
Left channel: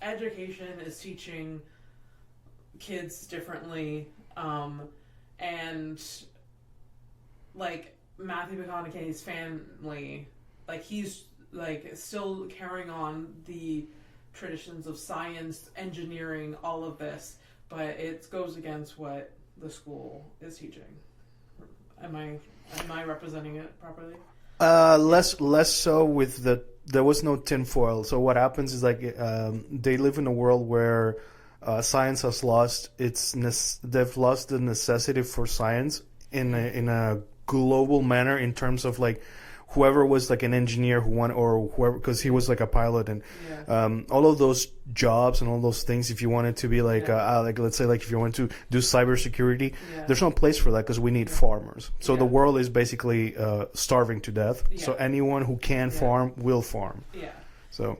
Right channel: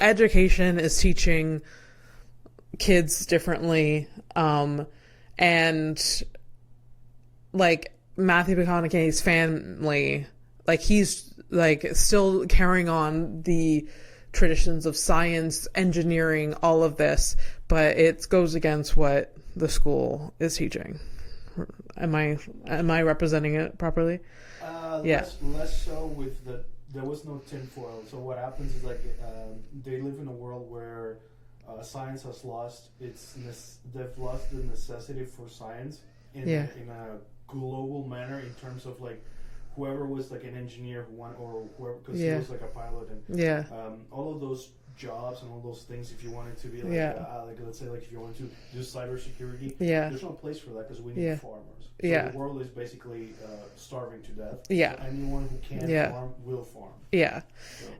education is teaching kids differently. And like Matthew McConaughey's family, like he's like still carrying on the traditions of science, engineering, all of this, but it goes against what the school is teaching. Am I representing it properly? Less so with there was no tinfoil. So what happens is like they live in a world where science has lost they've lost the necessity for science in a global manner, in terms of like whoever was like an engineer because he was like a pilot, and all of those jobs and all those things, if you wanted to be like let's say like if you want to do cybersecurity, there's no place for that because we need farmers. So the world is basically starving to death. So anyone who can farm will farm. So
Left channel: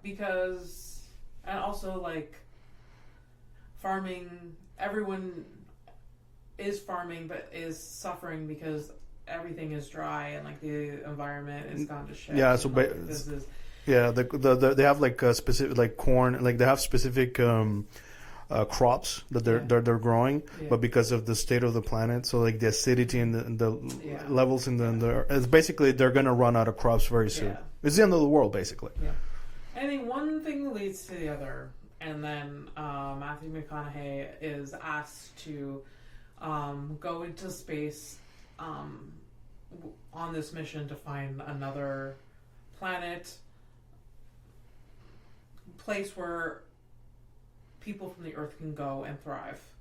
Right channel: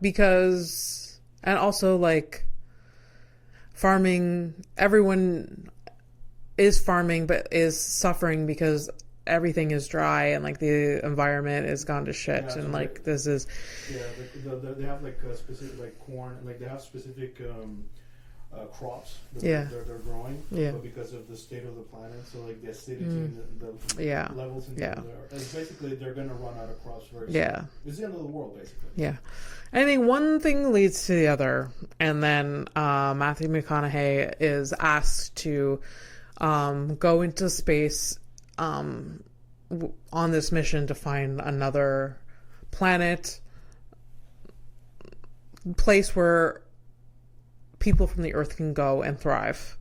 because, and also like farming, everyone is farming but is suffering because everything is dry and like the environment is gone to shit. So like this is they have like a specific like corn, like they have specific crops that they're growing, but because of the state of the planet, so like the acidity and the levels in it's basically they're gonna run out of crops very soon. It's the end of the world basically. I think one thing leads to the other, and then Matthew McConaughey is asked to go into space on this mission to find another place where people from the Earth can go and thrive.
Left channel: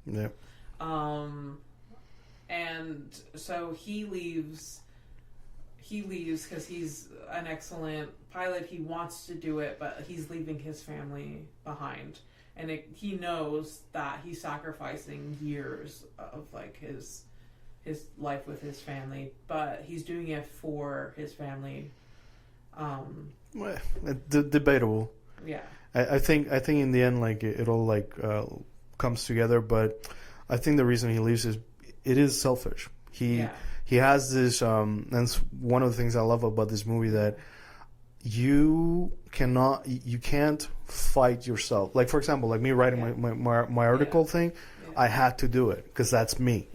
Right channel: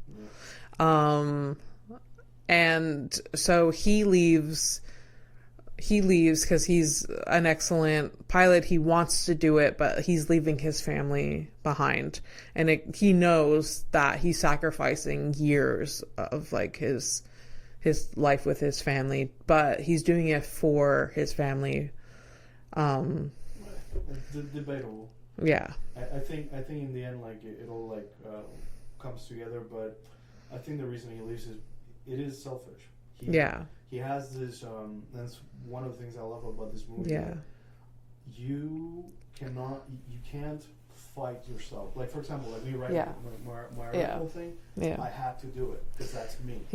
And so he leaves because he's an excellent pilot. He wants to do it, but he's leaving his family behind, and he knows that he's sacrificing years of like his life with his family, but he's doing it for his family. Debatable. I think in the end, like it all like comes together, but I think the reason he leaves is it is selfish. He has this and it's one of the things I love about this movie, that you can't fight yourself. Like, for example, like me writing my article thing, I had to do it because that's me.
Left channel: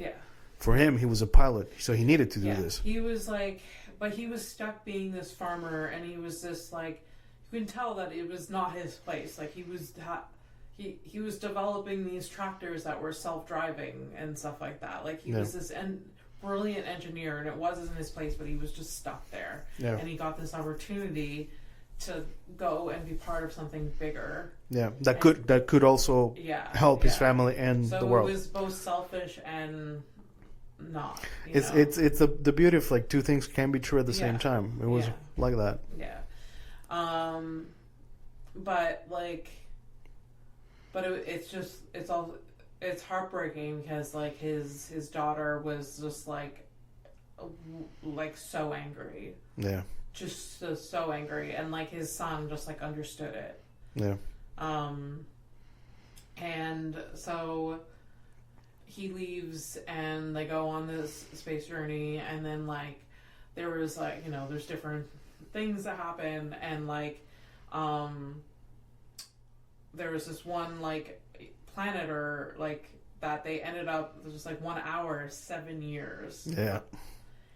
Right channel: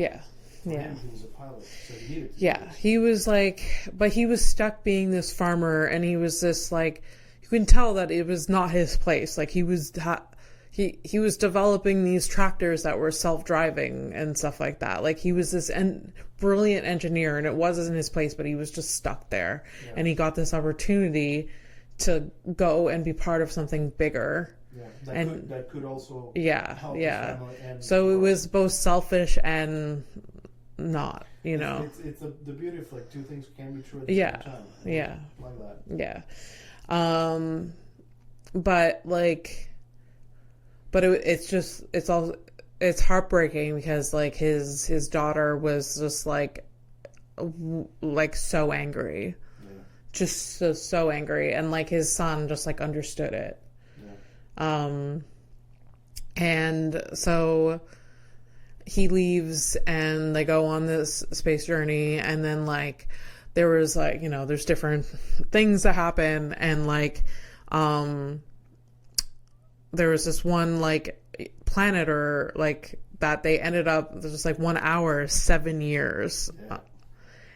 For him, he was a pilot, so he needed to do this. He was like, but he was stuck being this farmer, and he was this like, you can tell that it was not his place. Like he was developing these tractors that were self-driving and stuff like that. Like he was this brilliant engineer, and it wasn't his place, but he was just stuck there. And he got this opportunity to go and be part of something bigger. That could also help his family and so the world. It was both selfish and not. It's the beauty of like two things can be true at the same time. It was like that. It's heartbreaking because like his daughter was just like so angry. Just so angry, and like his son just like understood it. And so he leaves and they go on this space journey, and then like there was like, there's different things that happen, and like there was this one like planet or like that they ended up just like 1 hour 7 years. Yeah.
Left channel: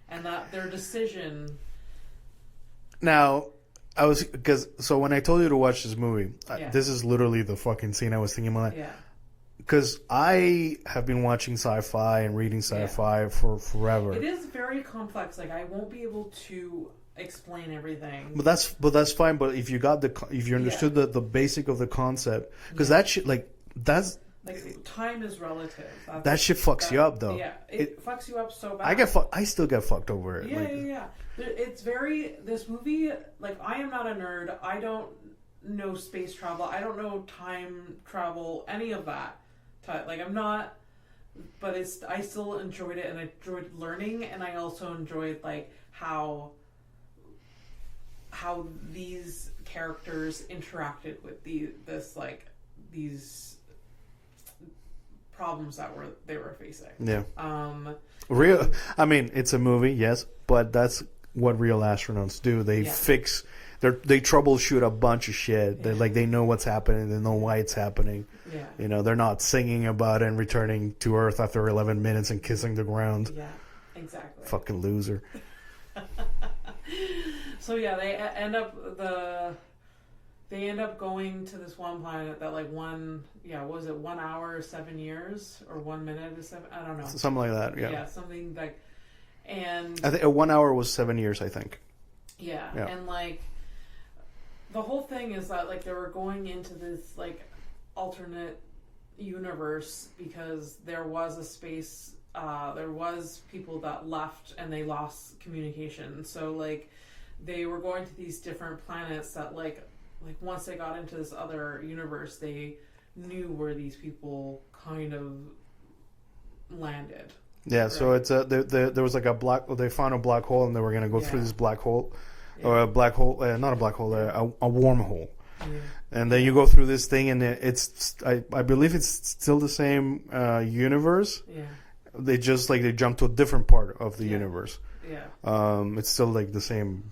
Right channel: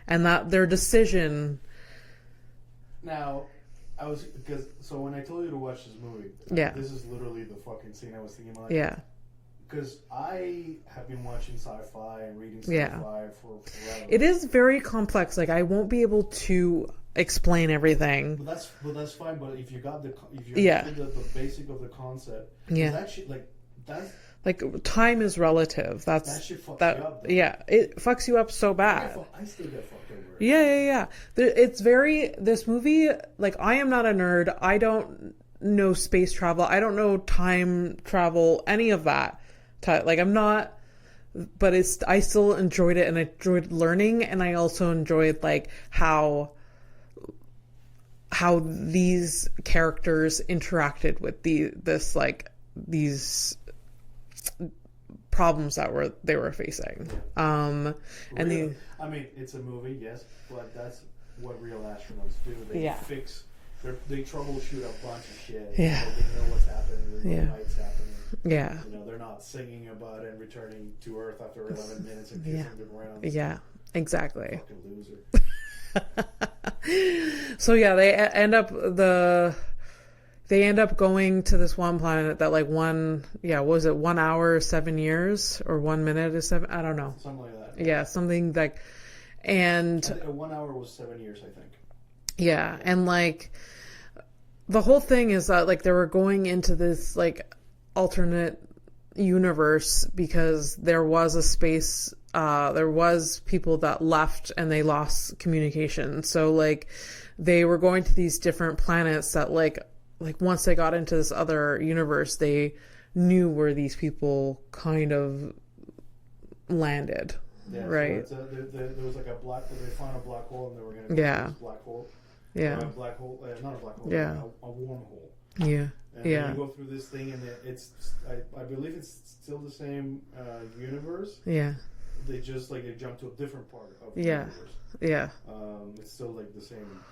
And that their decision. Now, so when I told you to watch this movie, this is literally the fucking scene I was thinking about. Yeah. Because I have been watching sci-fi and reading sci-fi for forever. It is very complex. Like, I won't be able to explain everything. But that's fine. But if you understood the basic of the concept, because that shit, that's like, time is relative. That shit fucks you up, though. Yeah, it fucks you up so bad. I still get fucked over it. Yeah. It's very, this movie, like, I am not a nerd. I don't know space travel. I don't know time travel, any of that. Like, I'm not, but I still enjoyed it, and I enjoyed learning, and I also enjoyed, like, how these characters interacted with these problems that they were facing. Yeah. I mean, it's a movie, yes, but that's what real astronauts do. They fix. They troubleshoot a bunch of shit. Yeah. They know what's happening. They know why it's happening. Yeah. They're not singing about it and returning to Earth after 11 minutes and kissing the ground. Yeah, exactly. Fucking loser. So yeah, they end up going to this one planet that like was it 1 hour 7 years or 1 minute is 7? I don't know. Something like that. Yeah, something like, and I think 1 hour was 7 years. I think. Yeah, and like the whole thing is that like they were going into this like alternate universe because there was a space. There was people that left and they lost communication. So like they were going to these different planets that like once they got into this other universe, they knew where these people kind of landed. Yeah, right? So it's there was like they found a black hole and they were going to go through this black hole. Or a black hole, not a black hole, a wormhole. Yeah. And then you go through this thing, and I believe it's still the same universe. Yeah. They just they jump to a different part of the universe. Yeah. It's still like the same.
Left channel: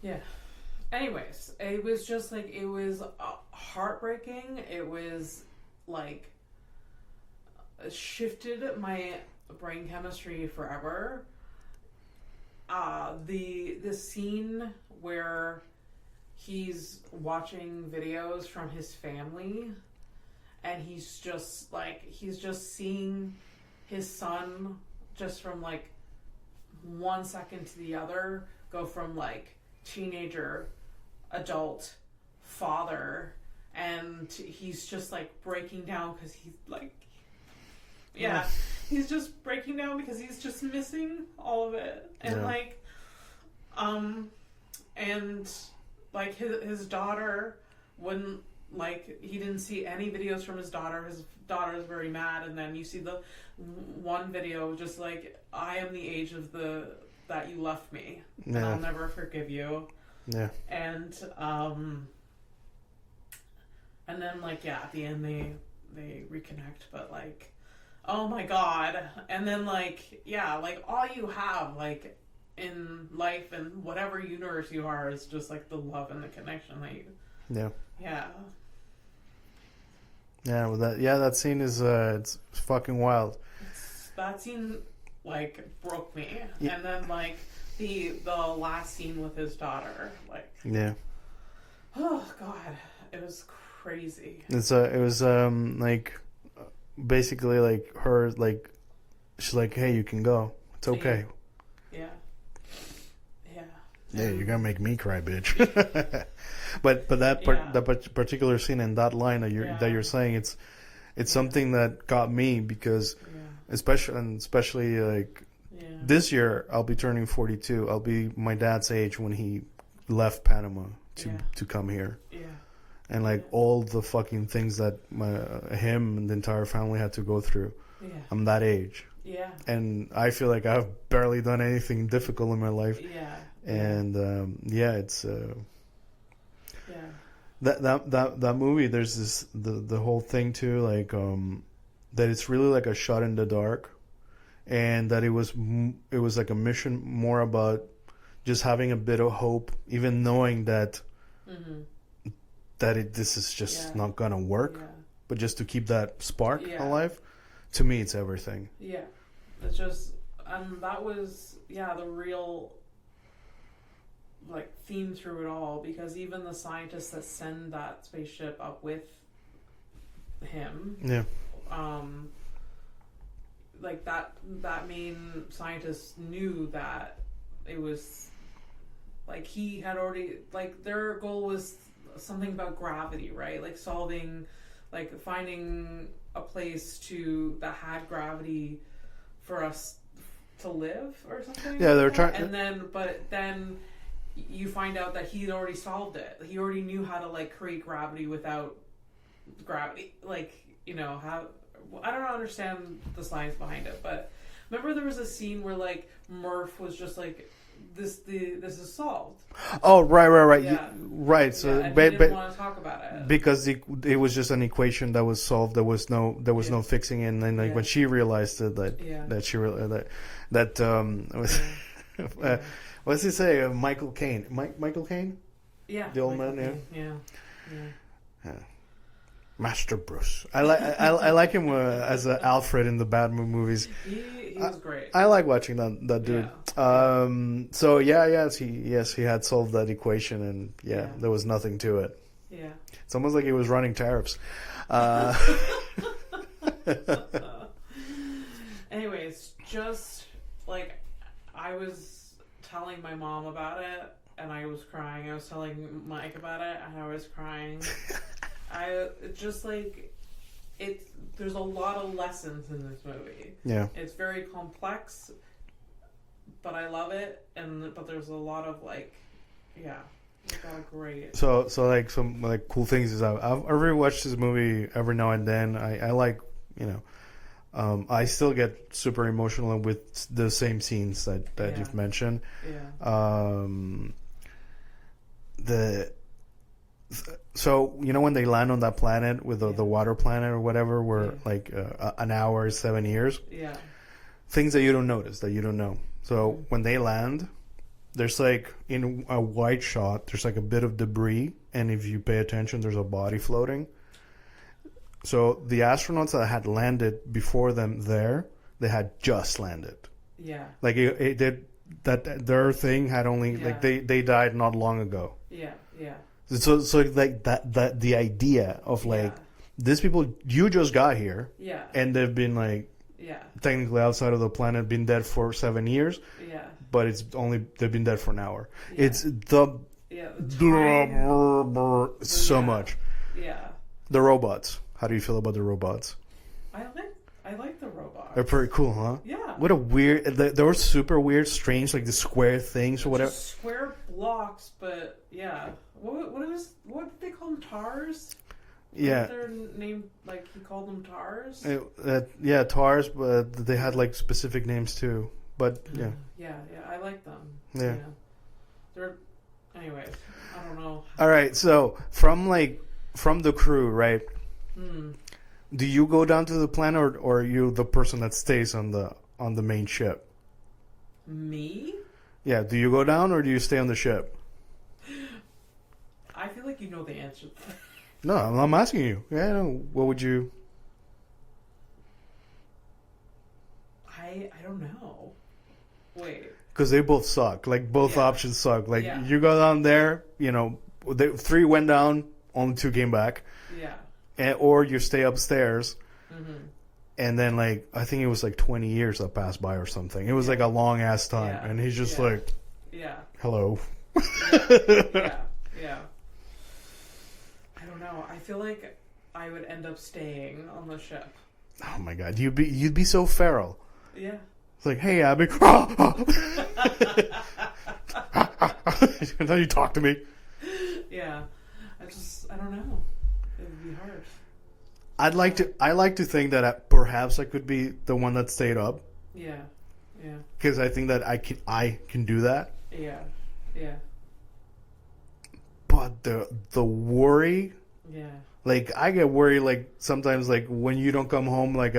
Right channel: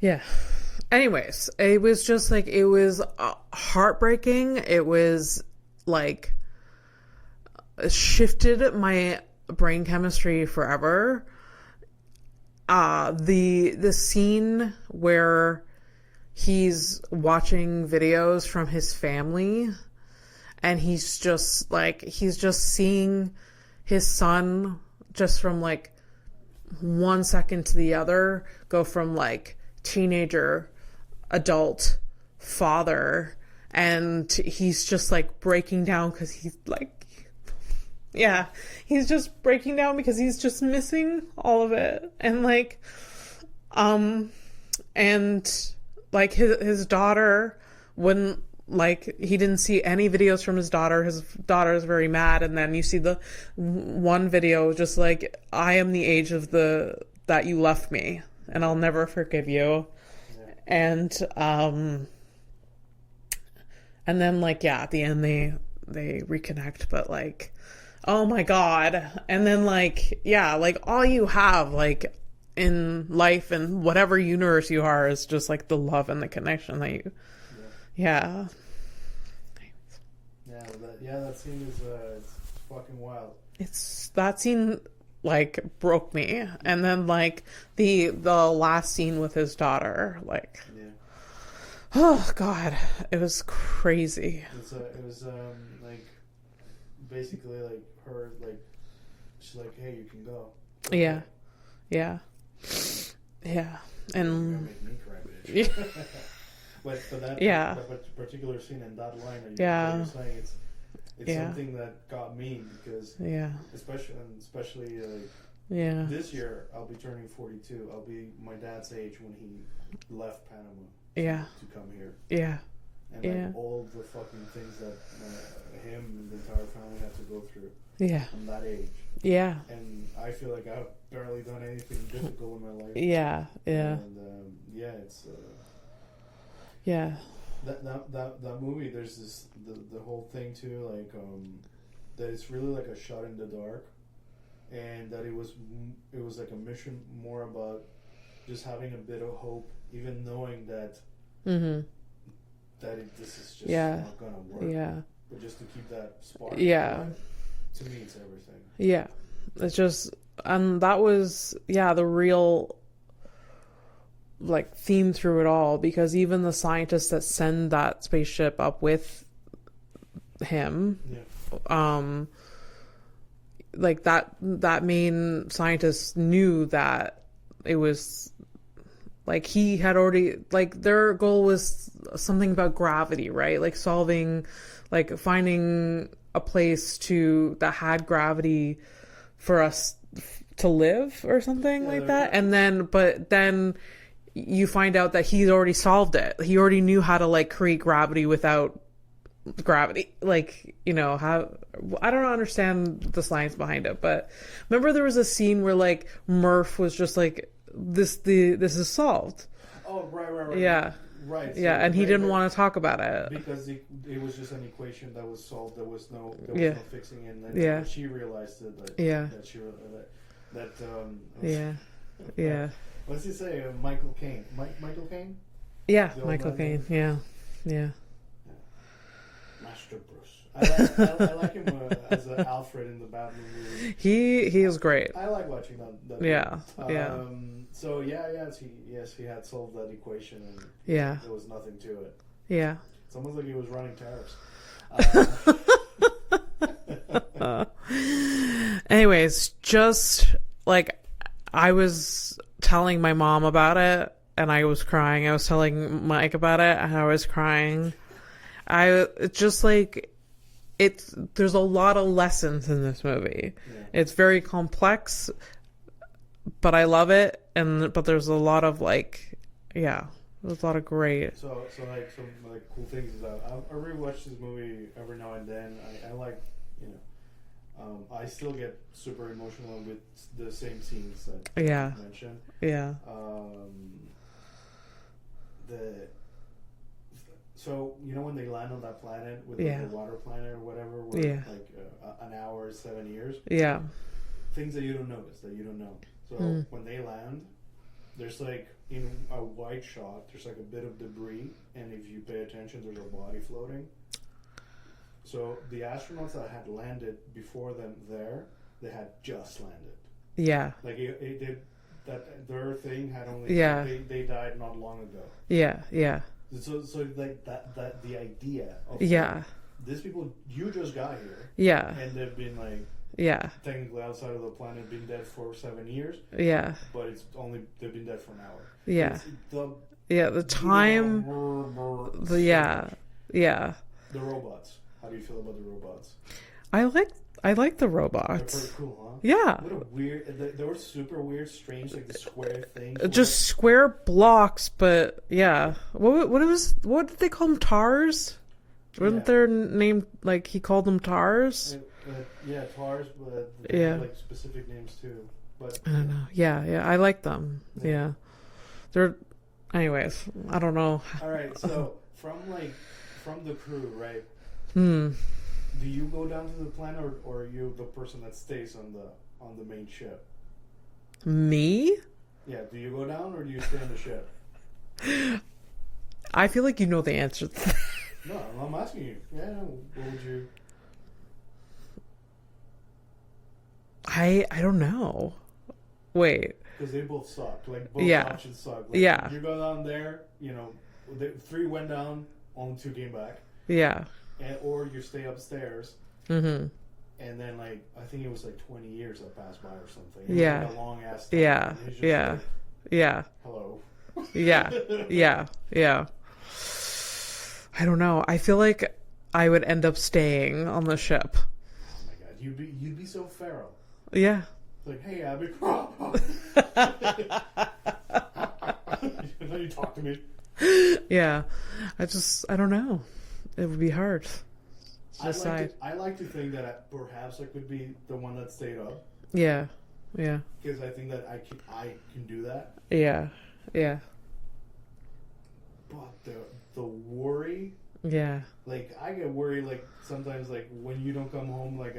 Yeah. Anyways, it was just like, it was heartbreaking. It was like shifted my brain chemistry forever. The scene where he's watching videos from his family and he's just seeing his son just from like 1 second to the other go from like teenager, adult, father, and he's just like breaking down because he's like, he's just breaking down because he's just missing all of it. And and like his daughter wouldn't, like, he didn't see any videos from his daughter. His daughter is very mad. And then you see the one video just like, I am the age of that you left me and I'll never forgive you. Yeah. And then like, at the end they reconnect, but like, oh my God. And then like, like all you have like in life and whatever universe you are is just like the love and the connection that you. Yeah. Well, that scene is it's fucking wild. That scene like broke me. And then like the last scene with his daughter, like, oh God, it was crazy. It was like basically like her, like, she's like, hey, you can go, it's okay. And you're gonna make me cry, bitch. but that particular scene and that line that you're saying, it's something that got me because especially like this year I'll be turning 42. I'll be my dad's age when he left Panama to come here. And like all the fucking things that him and the entire family had to go through. I'm that age. And I feel like I've barely done anything difficult in my life. And it's that movie, there's this the whole thing too, like that it's really like a shot in the dark, and that it was like a mission more about just having a bit of hope, even knowing that that this is just not gonna work. Yeah. But just to keep that spark Yeah. alive, to me, it's everything. Yeah. It's just, and that was, the real, like, theme through it all, because even the scientists that send that spaceship up with him, like, that main scientist knew that it was, like, he had already, like, their goal was something about gravity, right? Like, solving, like, finding a place that had gravity for us to live or something like that. And then you find out that he's already solved it. He already knew how to, like, create gravity without gravity. Like, you know, how, I don't understand the science behind it, but remember there was a scene where, like, Murph was just like, this is solved. Oh, right. Yeah. Right. So, and he didn't want to talk about it. Because it was just an equation that was solved. There was no fixing it. And then when she realized it, that she realized that what does he say? Michael Caine. Michael Caine? Yeah, Michael Caine. Yeah. Master Bruce. I like him as Alfred in the Batman movies. He is great. I like watching that dude. Yeah. So he had solved that equation, and there was nothing to it. Yeah. It's almost like he was running tariffs. Anyways, just like I was telling my mom about it, and I was crying. I was telling Mike about it, and I was crying. It's just like there's a lot of lessons in this movie. Yeah. It's very complex, but I love it, but there's a lot of there's a lot of great. So like some like cool things is I rewatch this movie every now and then. I like, I still get super emotional with the same scenes that you've mentioned. Yeah. So when they land on that planet with the water planet or whatever, where like an hour is 7 years. Yeah. Things that you don't notice, that you don't know. So when they land, there's like in a wide shot, there's like a bit of debris, and if you pay attention, there's a body floating. So the astronauts that had landed before them they had just landed. Yeah. Like it did that. Their thing had only like they died not long ago. Yeah. Yeah. So like that the idea of like these people, you just got here, and they've been like technically outside of the planet, been dead for 7 years, but they've been dead for an hour. It's the time so much. The robots. How do you feel about the robots? I like the robots. They're pretty cool, huh? Yeah. What a weird... They were super weird, strange, like the square things. Just square blocks, but yeah. What did they call them? Tars? Wasn't their name, like, he called them Tars? Tars, but they had, like, specific names, too. But, yeah, I like them. Yeah. They're... Anyways, I don't know. All right, so, from the crew, right? Do you go down to the planet, or are you the person that stays on the main ship? Me? Yeah. Do you go down, or do you stay on the ship? I feel like you know the answer to that. No, I'm asking you. Yeah. What would you? I don't know. Wait. Because they both suck. Like both options suck. Like you go down there. 3 went down, only 2 came back. Yeah. Or you stay upstairs, and then like I think it was like 20 years that passed by or something. It was like a long ass time, and he's just like, hello. Yeah. I don't know. I feel like I would end up staying on the ship. Oh my god, you'd be so feral. Yeah. It's like, hey Abby, then you talk to me. Yeah, I don't know. It would be hard. I like to think that perhaps I could be the one that stayed up. Yeah. Because I think that I can do that. Yeah. But the worry. Yeah. Like I get worried like sometimes like when you don't come home like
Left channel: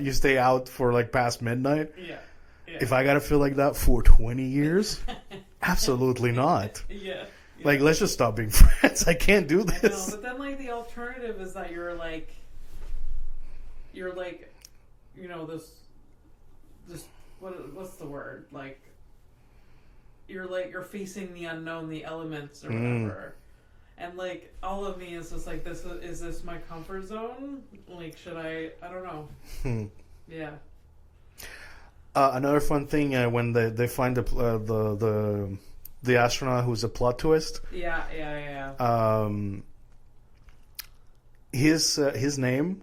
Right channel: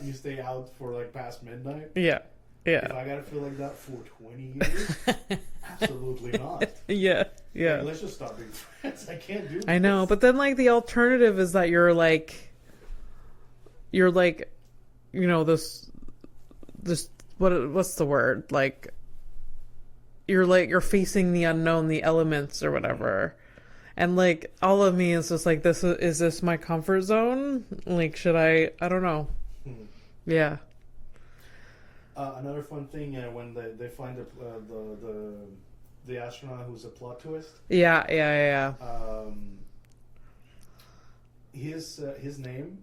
you stay out for like past midnight. Yeah. If I gotta feel like that for 20 years, absolutely not. Yeah. Yeah. Like, let's just stop being friends. I can't do this. I know, but then like the alternative is that you're like, you know, this what's the word? Like, you're facing the unknown, the elements or whatever. And like all of me is just like, is this my comfort zone? Like, should I don't know. Yeah. Another fun thing when they find the astronaut who's a plot twist. Yeah. His name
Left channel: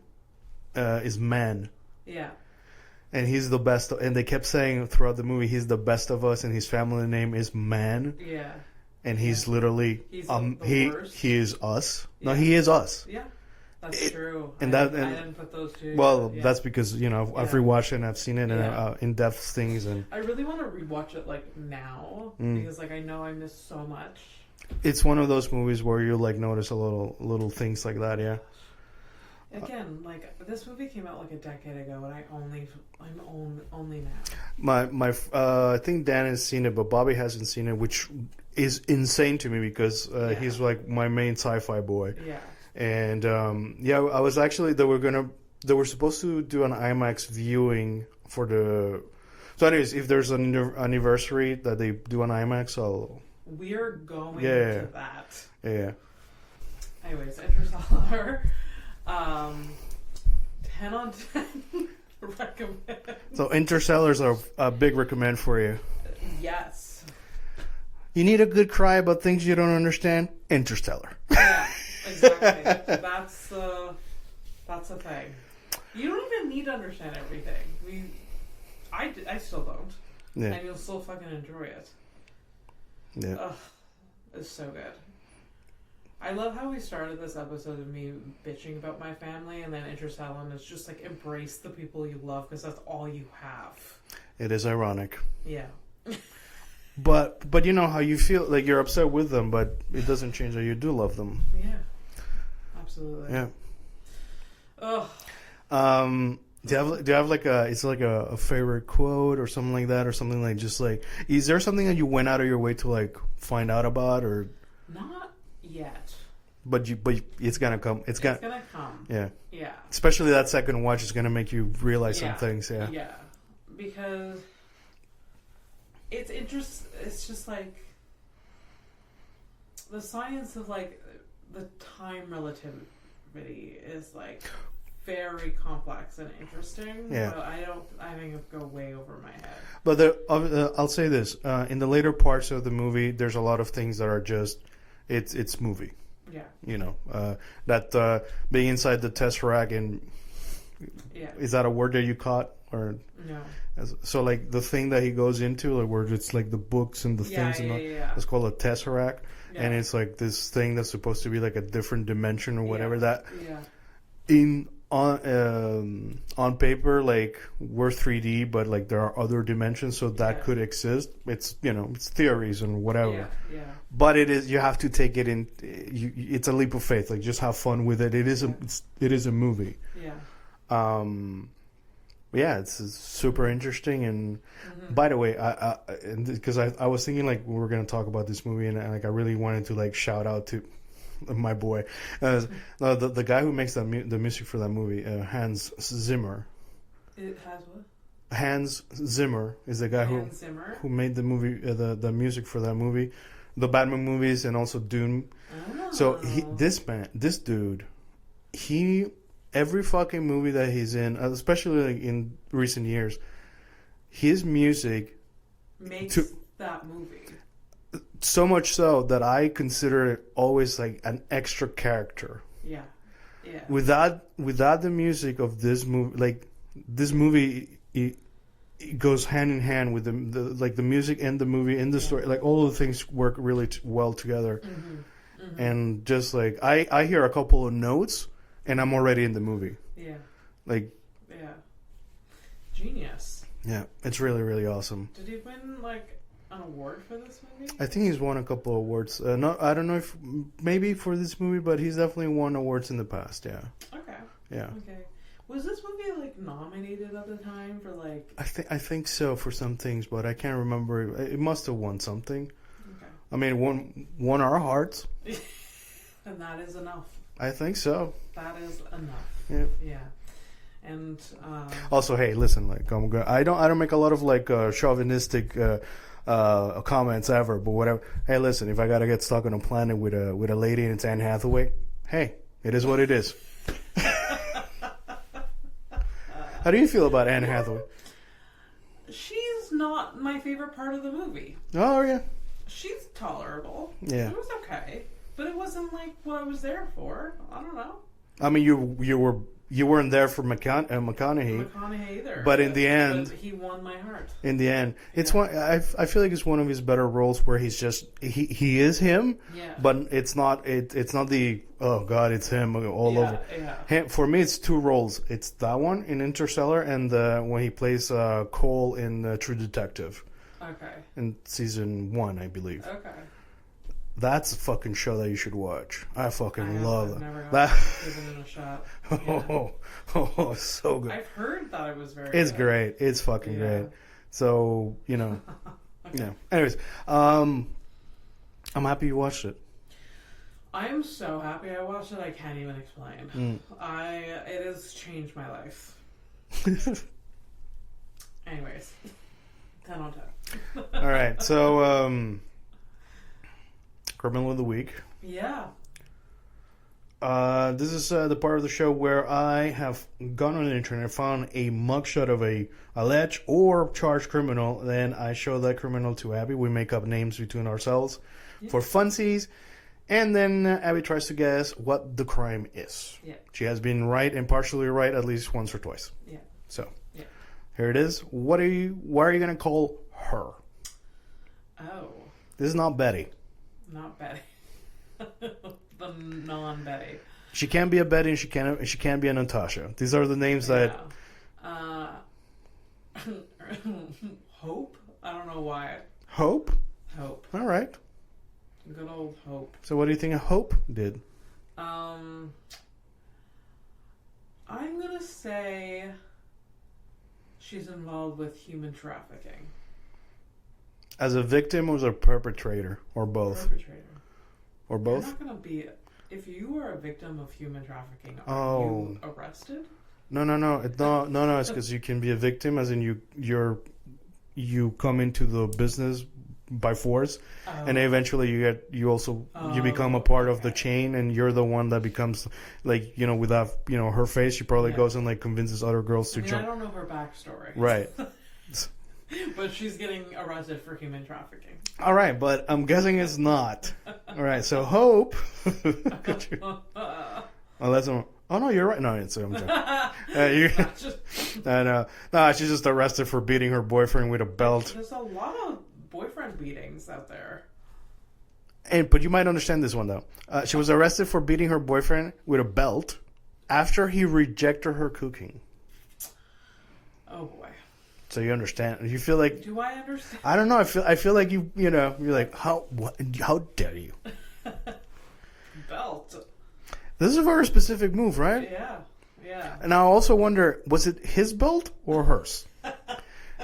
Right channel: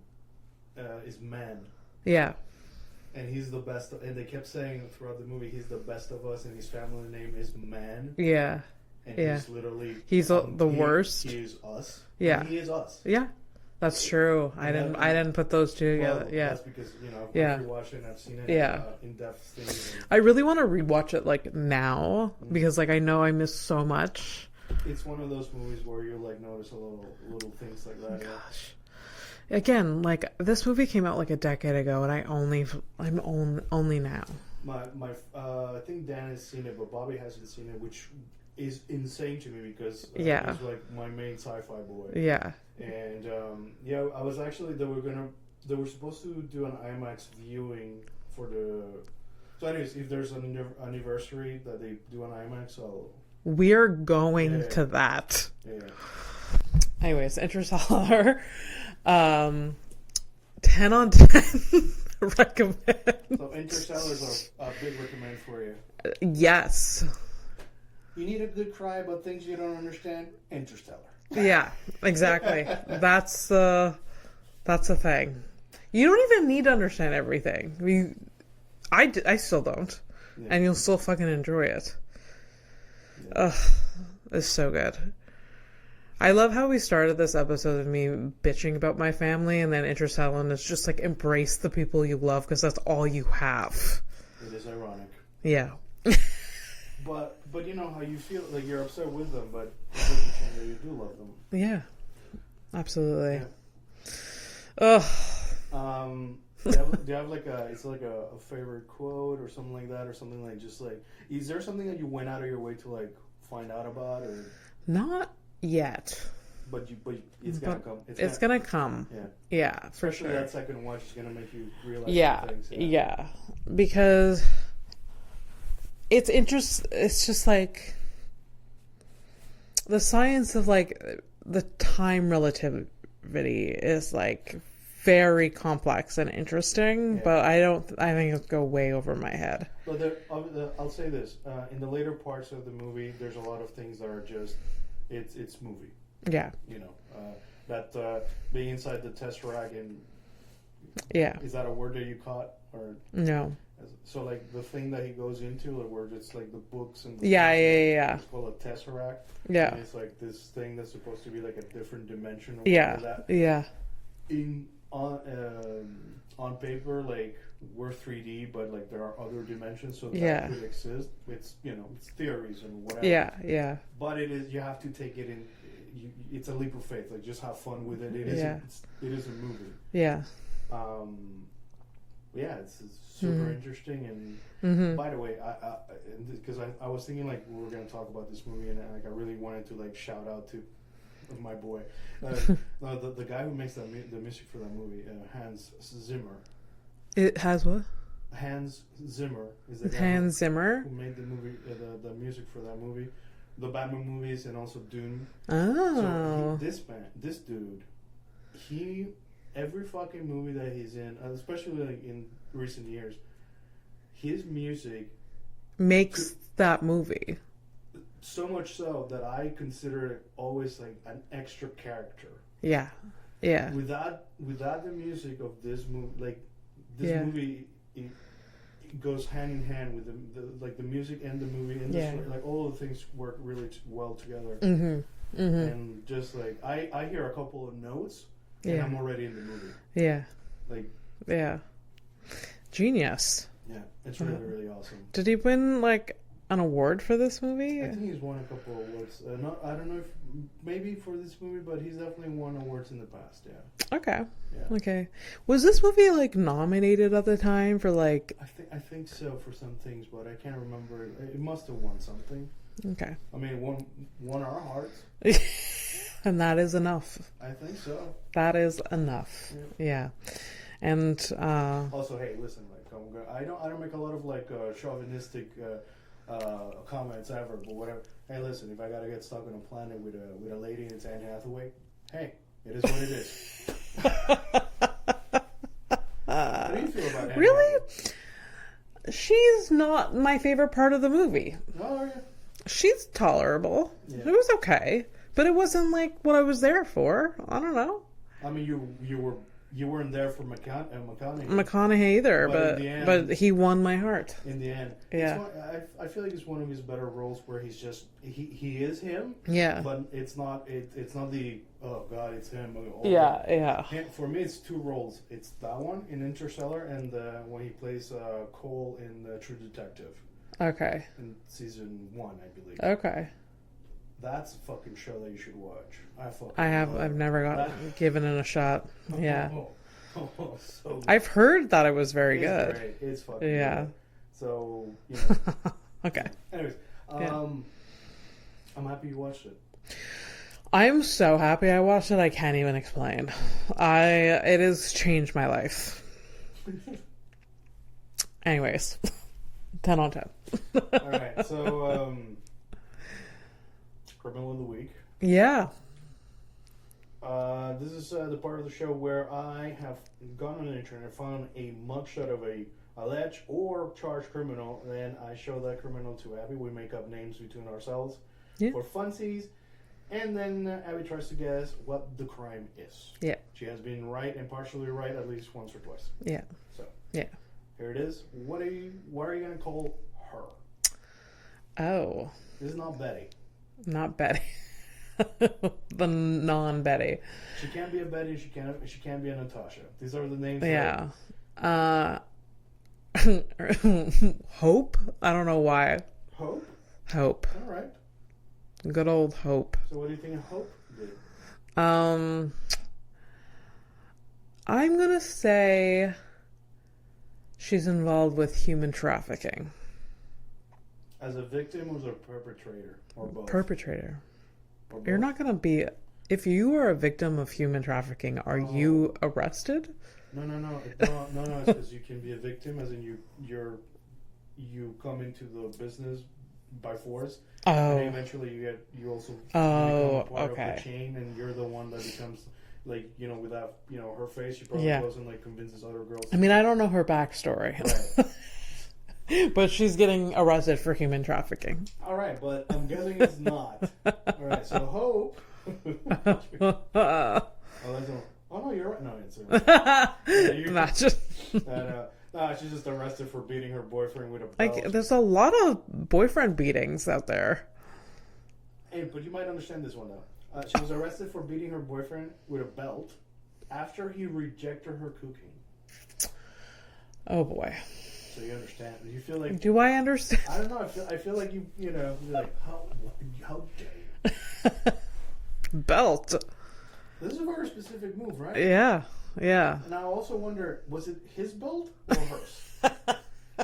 is Man. Yeah. And he's the best. And they kept saying throughout the movie, he's the best of us, and his family name is Man. Yeah. And he's literally the worst. He is us. Yeah. No, he is us. Yeah. That's true. I didn't put those two together. Well, that's because, you know, I've rewatched it and I've seen it in-depth things. And I really want to rewatch it, like, now, because, like, I know I missed so much. It's one of those movies where you, like, notice a little things like that, yeah. Again, like, this movie came out, like, a decade ago, and I'm only now. I think Dan has seen it, but Bobby hasn't seen it, which is insane to me because he's, like, my main sci-fi boy. Yeah. And I was actually they were supposed to do an IMAX viewing for the. So, anyways, if there's an anniversary that they do an IMAX, we're going to that. Yeah. Anyways, Interstellar, 10 on 10 recommend. So Interstellar's a big recommend for you. Yes. You need a good cry about things you don't understand? Interstellar. Yeah, exactly. That's the thing. You don't even need to understand everything. I still don't. Yeah. And you'll still fucking enjoy it. Yeah. Ugh, it's so good. I love how we started this episode of me bitching about my family, and then Interstellar is just like, embrace the people you love because that's all you have. It is ironic. Yeah. But you know how you feel, like you're upset with them, but it doesn't change that you do love them. Yeah, absolutely. Yeah. Oh. Do you have like a favorite quote or something like that, or something like, just like, is there something that you went out of your way to like find out about, or not yet? But it's gonna come. It's gonna come. Yeah. Yeah. Especially that second watch is gonna make you realize some things. Yeah. Yeah, because. It's just like the science of like the time relativity is like very complex and interesting, but I think it'll go way over my head. But I'll say this, in the later parts of the movie, there's a lot of things that are just, it's movie. Yeah. You know, that being inside the Tesseract, and is that a word that you caught? Or no. So like the thing that he goes into, like where it's like the books and the things. Yeah. It's called a Tesseract. Yeah. And it's like this thing that's supposed to be like a different dimension or whatever that. Yeah. On paper, like we're 3D, but like there are other dimensions, so that could exist. It's, you know, it's theories and whatever. Yeah. But it is, you have to take it in. It's a leap of faith. Like, just have fun with it. It is it is a movie. Yeah. Yeah, it's super interesting. And by the way, because I was thinking like we were gonna talk about this movie, and like I really wanted to like shout out to my boy, the guy who makes the music for that movie, Hans Zimmer. It has what? Hans Zimmer is the guy who made the movie, the music for that movie, the Batman movies, and also Dune. Oh. So this dude, every fucking movie that he's in, especially like in recent years, his music makes that movie. So much so that I consider it always like an extra character. Yeah. Without the music of this movie, like this movie, it goes hand in hand with the like the music and the movie and the story. Like all of the things work really well together. And just like I hear a couple of notes. And I'm already in the movie. Yeah. Like. Yeah. Genius. Yeah, it's really, really awesome. Did he win like an award for this movie? I think he's won a couple of awards. I don't know if maybe for this movie, but he's definitely won awards in the past. Yeah. Okay. Yeah. Okay. Was this movie like nominated at the time for like? I think so for some things, but I can't remember. It must have won something. Okay. I mean, won our hearts. And that is enough. I think so. That is enough. Yeah. And also, hey, listen, like I don't make a lot of like chauvinistic comments ever, but whatever. Hey, listen, if I gotta get stuck on a planet with a lady and it's Anne Hathaway, hey, it is what it is. How do you feel about Anne Hathaway? She's not my favorite part of the movie. Oh yeah, she's tolerable. Yeah, it was okay, but it wasn't like what I was there for. I don't know. I mean, you weren't there for McConaughey either, but in the end, but he won my heart. In the end, it's one. I feel like it's one of his better roles where he's just he is him. Yeah. But it's not the oh god, it's him all over. Yeah. For me, it's two roles. It's that one in Interstellar and when he plays Cole in True Detective. Okay. In season 1, I believe. Okay. That's a fucking show that you should watch. Love it. I've never given it a shot. Yeah. Oh, so good. I've heard that it was very good. It's great. It's fucking great. So, you know. Okay. You know. Anyways, I'm happy you watched it. I'm so happy I watched it. I can't even explain. It has changed my life. Anyways, 10 on 10. All right. So, Criminal of the Week. Yeah. This is the part of the show where I have gone on the internet, found a mugshot of a alleged or charged criminal, then I show that criminal to Abby. We make up names between ourselves for funsies, and then Abby tries to guess what the crime is. Yeah. She has been right and partially right at least once or twice. Yeah. So, yeah. Here it is. What are you going to call her? Oh. This is not Betty. Not Betty. The non-Betty. She can't be a Betty and she can't be a Natasha. These are the names that... Hope? I don't know why. Hope? Hope. All right. Good old Hope. So what do you think Hope did? I'm gonna say she's involved with human trafficking. As a victim or as a perpetrator? Or both? Perpetrator. Or both? You're not gonna be... If you are a victim of human trafficking, are you arrested? No. It's because you can be a victim, as in you come into the business by force, and eventually you become a part of the chain, and you're the one that becomes like with that her face. She probably goes and like convinces other girls. I mean, I don't know her backstory, right? But she's getting arrested for human trafficking. All right, but I'm guessing it's not. All right, so Hope. Oh no, you're right. No, it's not just. No, she's just arrested for beating her boyfriend with a belt. There's a lot of boyfriend beatings out there. But you might understand this one though. She was arrested for beating her boyfriend with a belt after he rejected her cooking. Oh boy. So you understand? You feel like? Do I understand? I don't know. I feel like you're like how dare you? Belt. This is a very specific move, right? Yeah. And I also wonder, was it his belt or hers?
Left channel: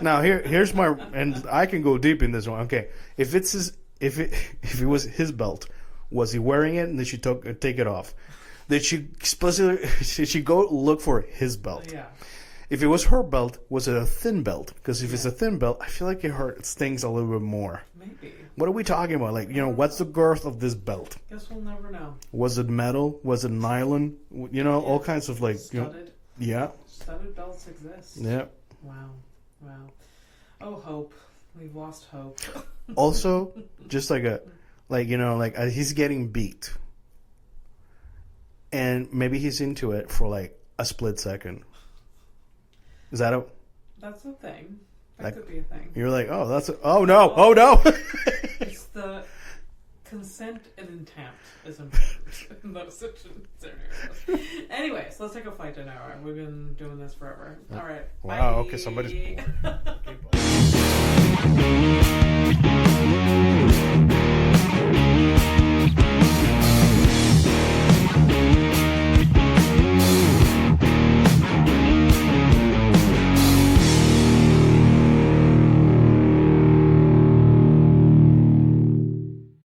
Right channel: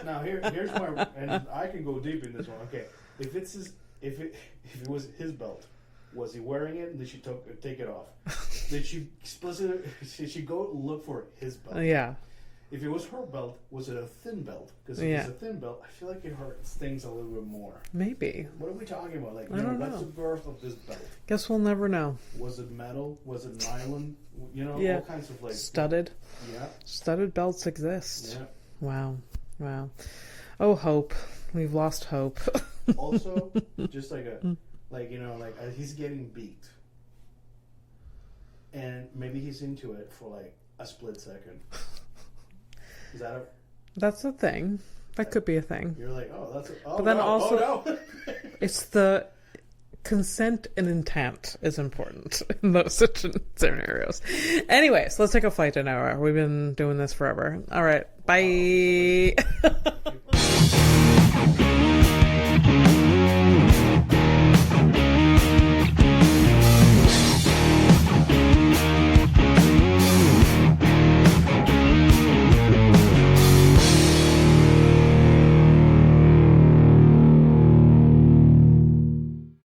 Now here's my, and I can go deep in this one. Okay, if it was his belt, was he wearing it and did she take it off? Did she go look for his belt? Yeah. If it was her belt, was it a thin belt? Because if it's a thin belt, I feel like it stings a little bit more. Maybe. What are we talking about? Like, what's the girth of this belt? Guess we'll never know. Was it metal? Was it nylon? All kinds of like... Studded. Yeah. Studded belts exist. Yeah. Wow. Oh, Hope. We've lost hope. Also, just he's getting beat. And maybe he's into it for like a split second. Is that That's a thing. That could be a thing. You're like, no. It's the consent and intent is important in those scenarios. Anyways, let's take a flight to nowhere. We've been doing this forever. All right. Bye. Wow, okay,